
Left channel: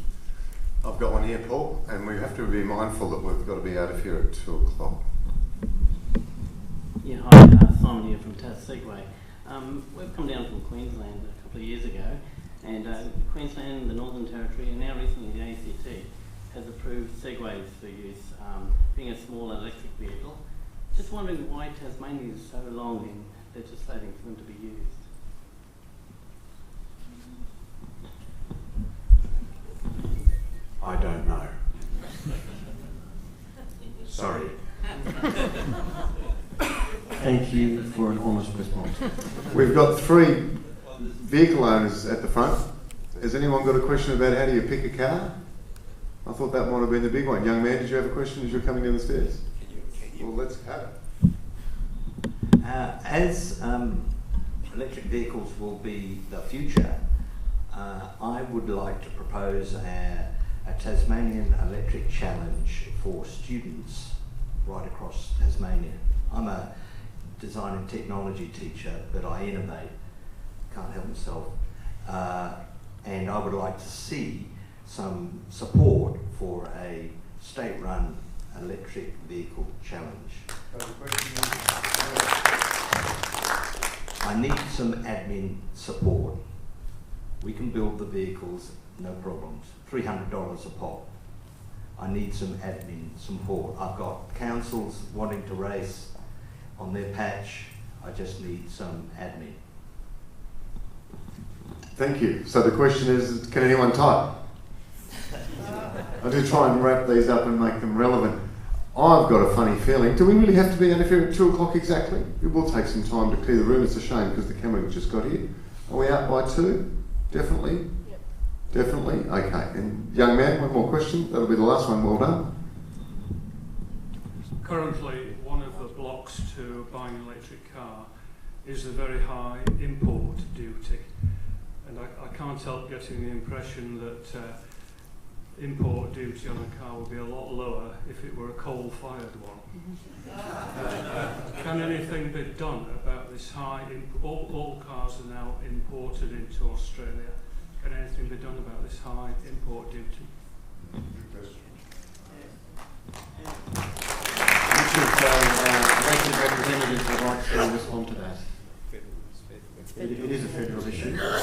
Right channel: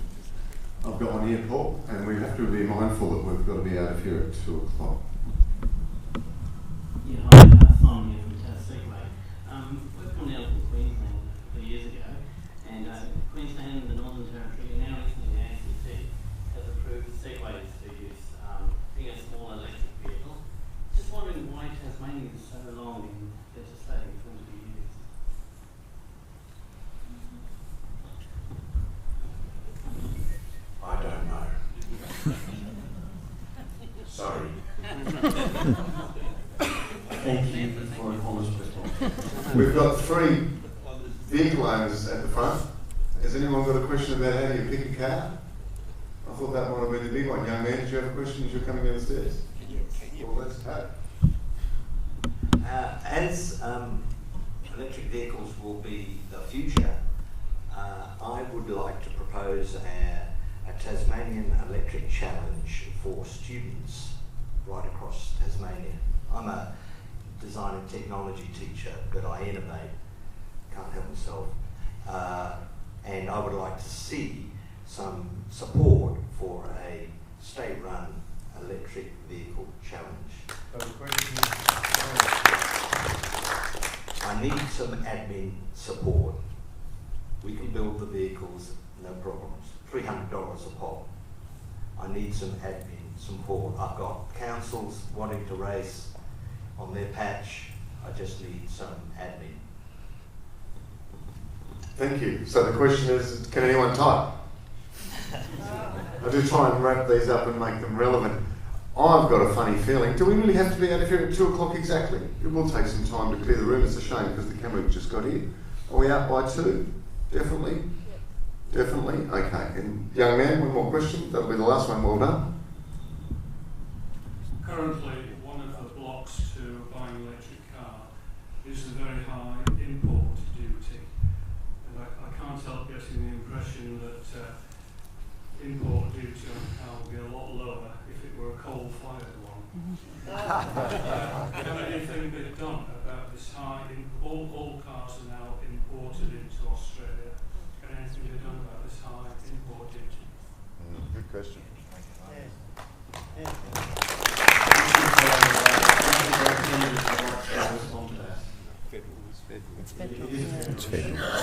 I've got one here, Paul, and we have to be mindful that we've got to be out of here at 2 o'clock. Yeah, hi, Simon here from Tas Segway. We've come down from Queensland a couple of years ago, and Queensland, the Northern Territory, and now recently the ACT has approved segways you for an honest response. We've got 3 vehicle owners at the front. Has anyone got a question about how do you pick a car? I thought that might have been the big one. Young man, did you have a question as you're coming down the stairs? Well, let's have it. As electric vehicles will be the future, I would like to propose a Tasmanian electric challenge for students right across Tasmania. I'm a design and technology teacher, but I innovate, can't help myself. And I would like to see some support for a state-run electric vehicle challenge. So the question is, I need some admin support. We can build the vehicles, no problems. $300 a pop. I need some admin support. I've got councils wanting to race on their patch. I just need some admin. thank you. So the question is, can anyone type? I do try and wrap these up and make them relevant. I've got a funny feeling. Do we really have to be out of here at 2 o'clock exactly? It will take some time to clear the room. It's a shame because the camera just got here. Are we out by 2? Definitely? Definitely? Okay. And young man, one more question. That'll be the last one. Well done. Currently, one of the blocks to buying an electric car is the very high import duty. And I can't help getting the impression that import duty on a car would be a lot lower if it were a coal-fired one. Can anything be done about this high all cars are now imported into Australia. Can anything be done about this high import duty? Good question.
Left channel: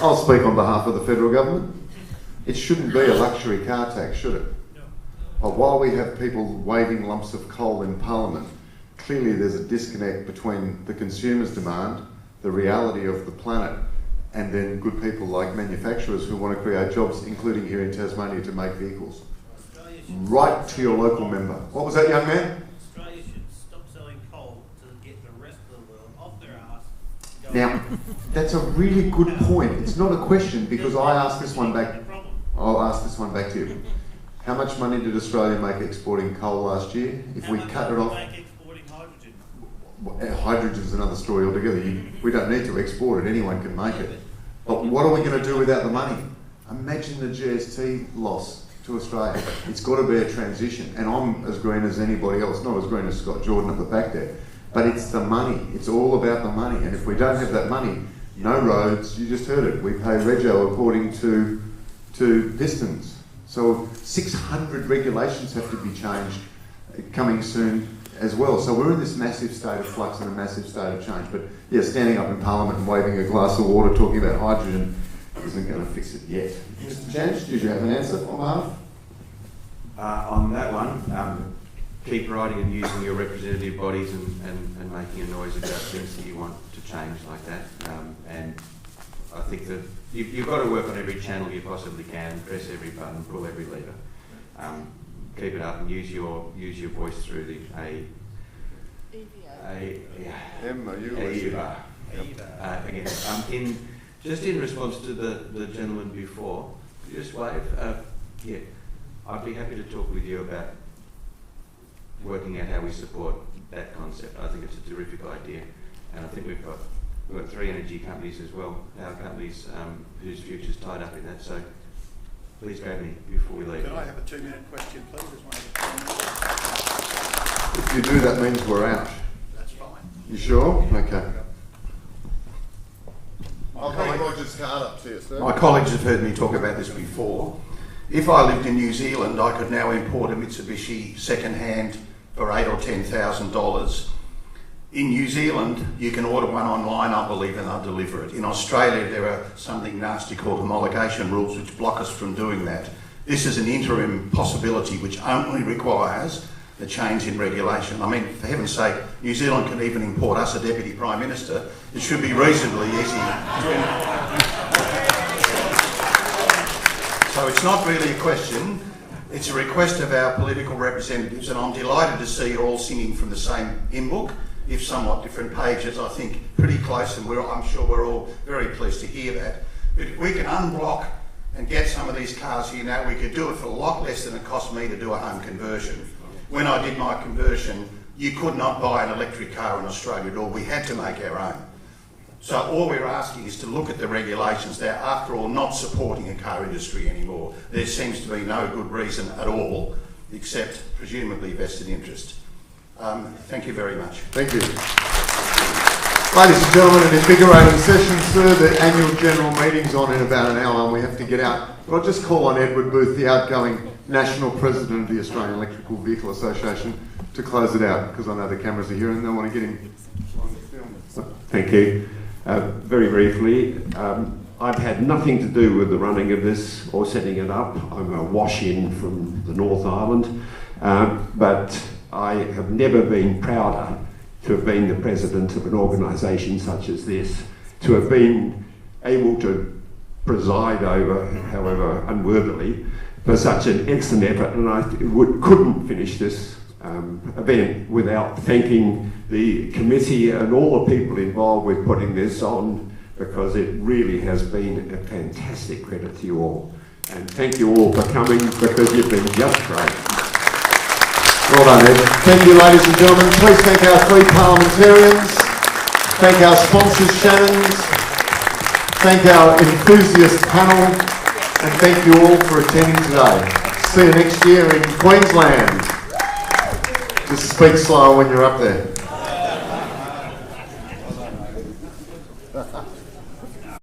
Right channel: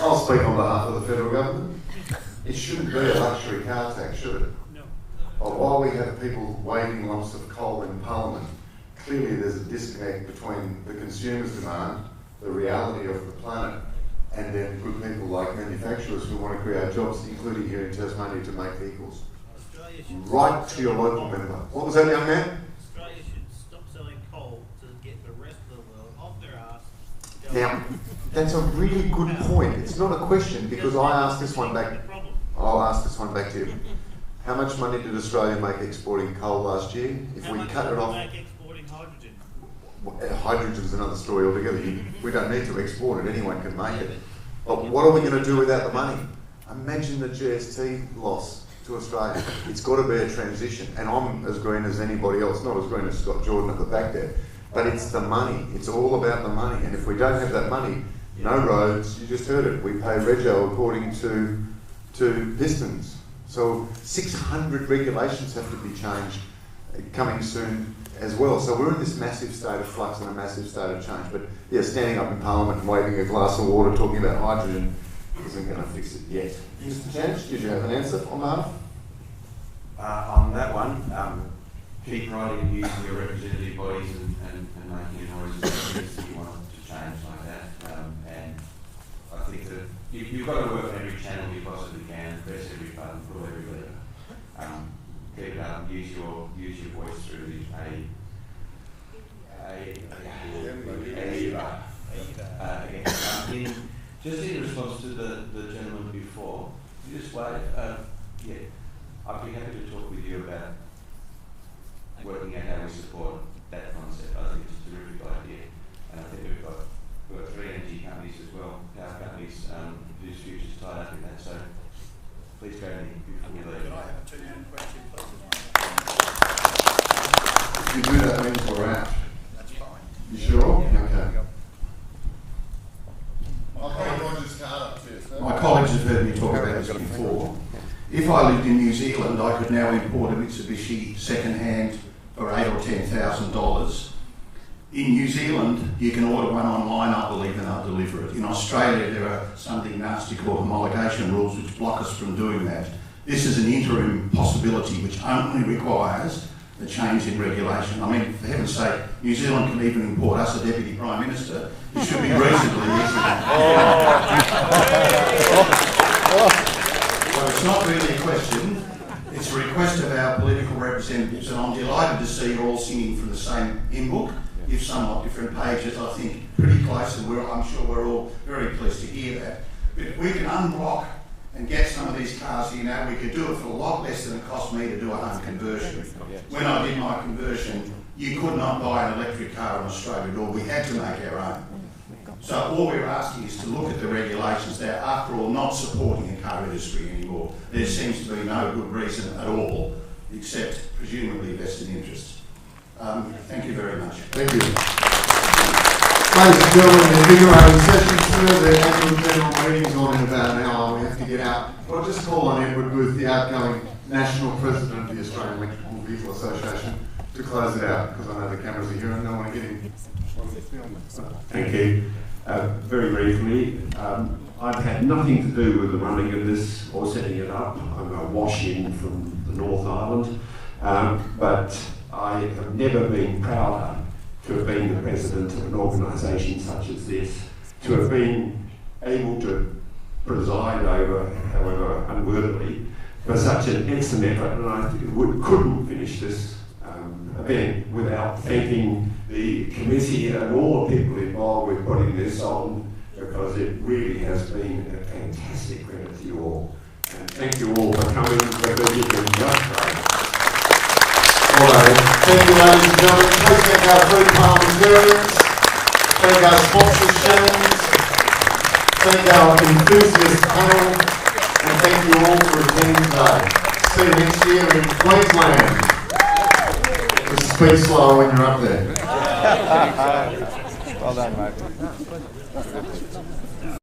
I'll speak on behalf of the federal government. It shouldn't be a luxury car tax, should it? No. While we have people waving lumps of coal in Parliament, clearly there's a disconnect between the consumer's demand, the reality of the planet, and then good people like manufacturers who want to create jobs, including here in Tasmania, to make vehicles. Right to your local member. What was that, young man? Australia should stop selling coal to get the rest of the world off their ass. Now, that's a really good point. It's not a question because I asked this one back. I'll ask this one back to you. How much money did Australia make exporting coal last year? If we cut it off, make exporting hydrogen? Hydrogen's another story altogether. We don't need to export it. Anyone can make it. But what are we going to do without the money? Imagine the GST loss to Australia. It's got to be a transition, and I'm as green as anybody else. Not as green as Scott Jordan at the back there. But it's the money. It's all about the money. And if we don't have that money, no roads. You just heard it. We pay rego according to distance. So 600 regulations have to be changed coming soon as well. So we're in this massive state of flux and a massive state of change. But yeah, standing up in Parliament and waving a glass of water talking about hydrogen isn't going to fix it yet. Mr. Chance, do you have an answer on behalf? On that one, keep writing and using your representative bodies and making a noise about things that you want to change like that. And I think that you've got to work on every channel you possibly can, press every button, pull every lever. Keep it up and use your voice through the AEVA. Again, just in response to the gentleman before, just wave. Yeah, I'd be happy to talk with you about working out how we support that concept. I think it's a terrific idea, and I think we've got 3 energy companies as well, power companies whose future's tied up in that. So please grab me before we leave. Can I have a 2-minute question, please? If you do, that means we're out. That's fine. You sure? Okay. I'll put Roger's card up to you, sir. My colleagues have heard me talk about this before. If I lived in New Zealand, I could now import a Mitsubishi second-hand for $8,000 or $10,000. In New Zealand, you can order one online, I believe, and they'll deliver it. In Australia, there are something nasty called homologation rules which block us from doing that. This is an interim possibility which only requires the change in regulation. I mean, for heaven's sake, New Zealand can even import us a Deputy Prime Minister. It should be reasonably easy. So it's not really a question, it's a request of our political representatives, and I'm delighted to see you all singing from the same hymn book. if somewhat different pages, I think pretty close, and I'm sure we're all very pleased to hear that. But if we can unblock and get some of these cars here now, we could do it for a lot less than it cost me to do a home conversion. When I did my conversion, you could not buy an electric car in Australia at all. We had to make our own. So all we're asking is to look at the regulations. They're, after all, not supporting a car industry anymore. There seems to be no good reason at all, except presumably vested interest. Thank you very much. Thank you. Ladies and gentlemen, an invigorating session, sir. The annual general meeting's on in about an hour and we have to get out. But I'll just call on Edward Booth, the outgoing National President of the Australian Electrical Vehicle Association, to close it out, because I know the cameras are here and they want to get him. Thank you. Very briefly, I've had nothing to do with the running of this or setting it up. I'm a wash-in from the North Island, but I have never been prouder to have been the president of an organisation such as this, to have been able to preside over, however unworthily, for such an excellent effort, and I couldn't finish this event without thanking the committee and all the people involved with putting this on, because it really has been a fantastic credit to you all. And thank you all for coming, because you've been just great. Well done, Ed. Thank you, ladies and gentlemen. Please thank our three parliamentarians. Thank our sponsors, Shannons. Thank our enthusiast panel. And thank you all for attending today. See you next year in Queensland. Just speak slow when you're up there. Well done, mate.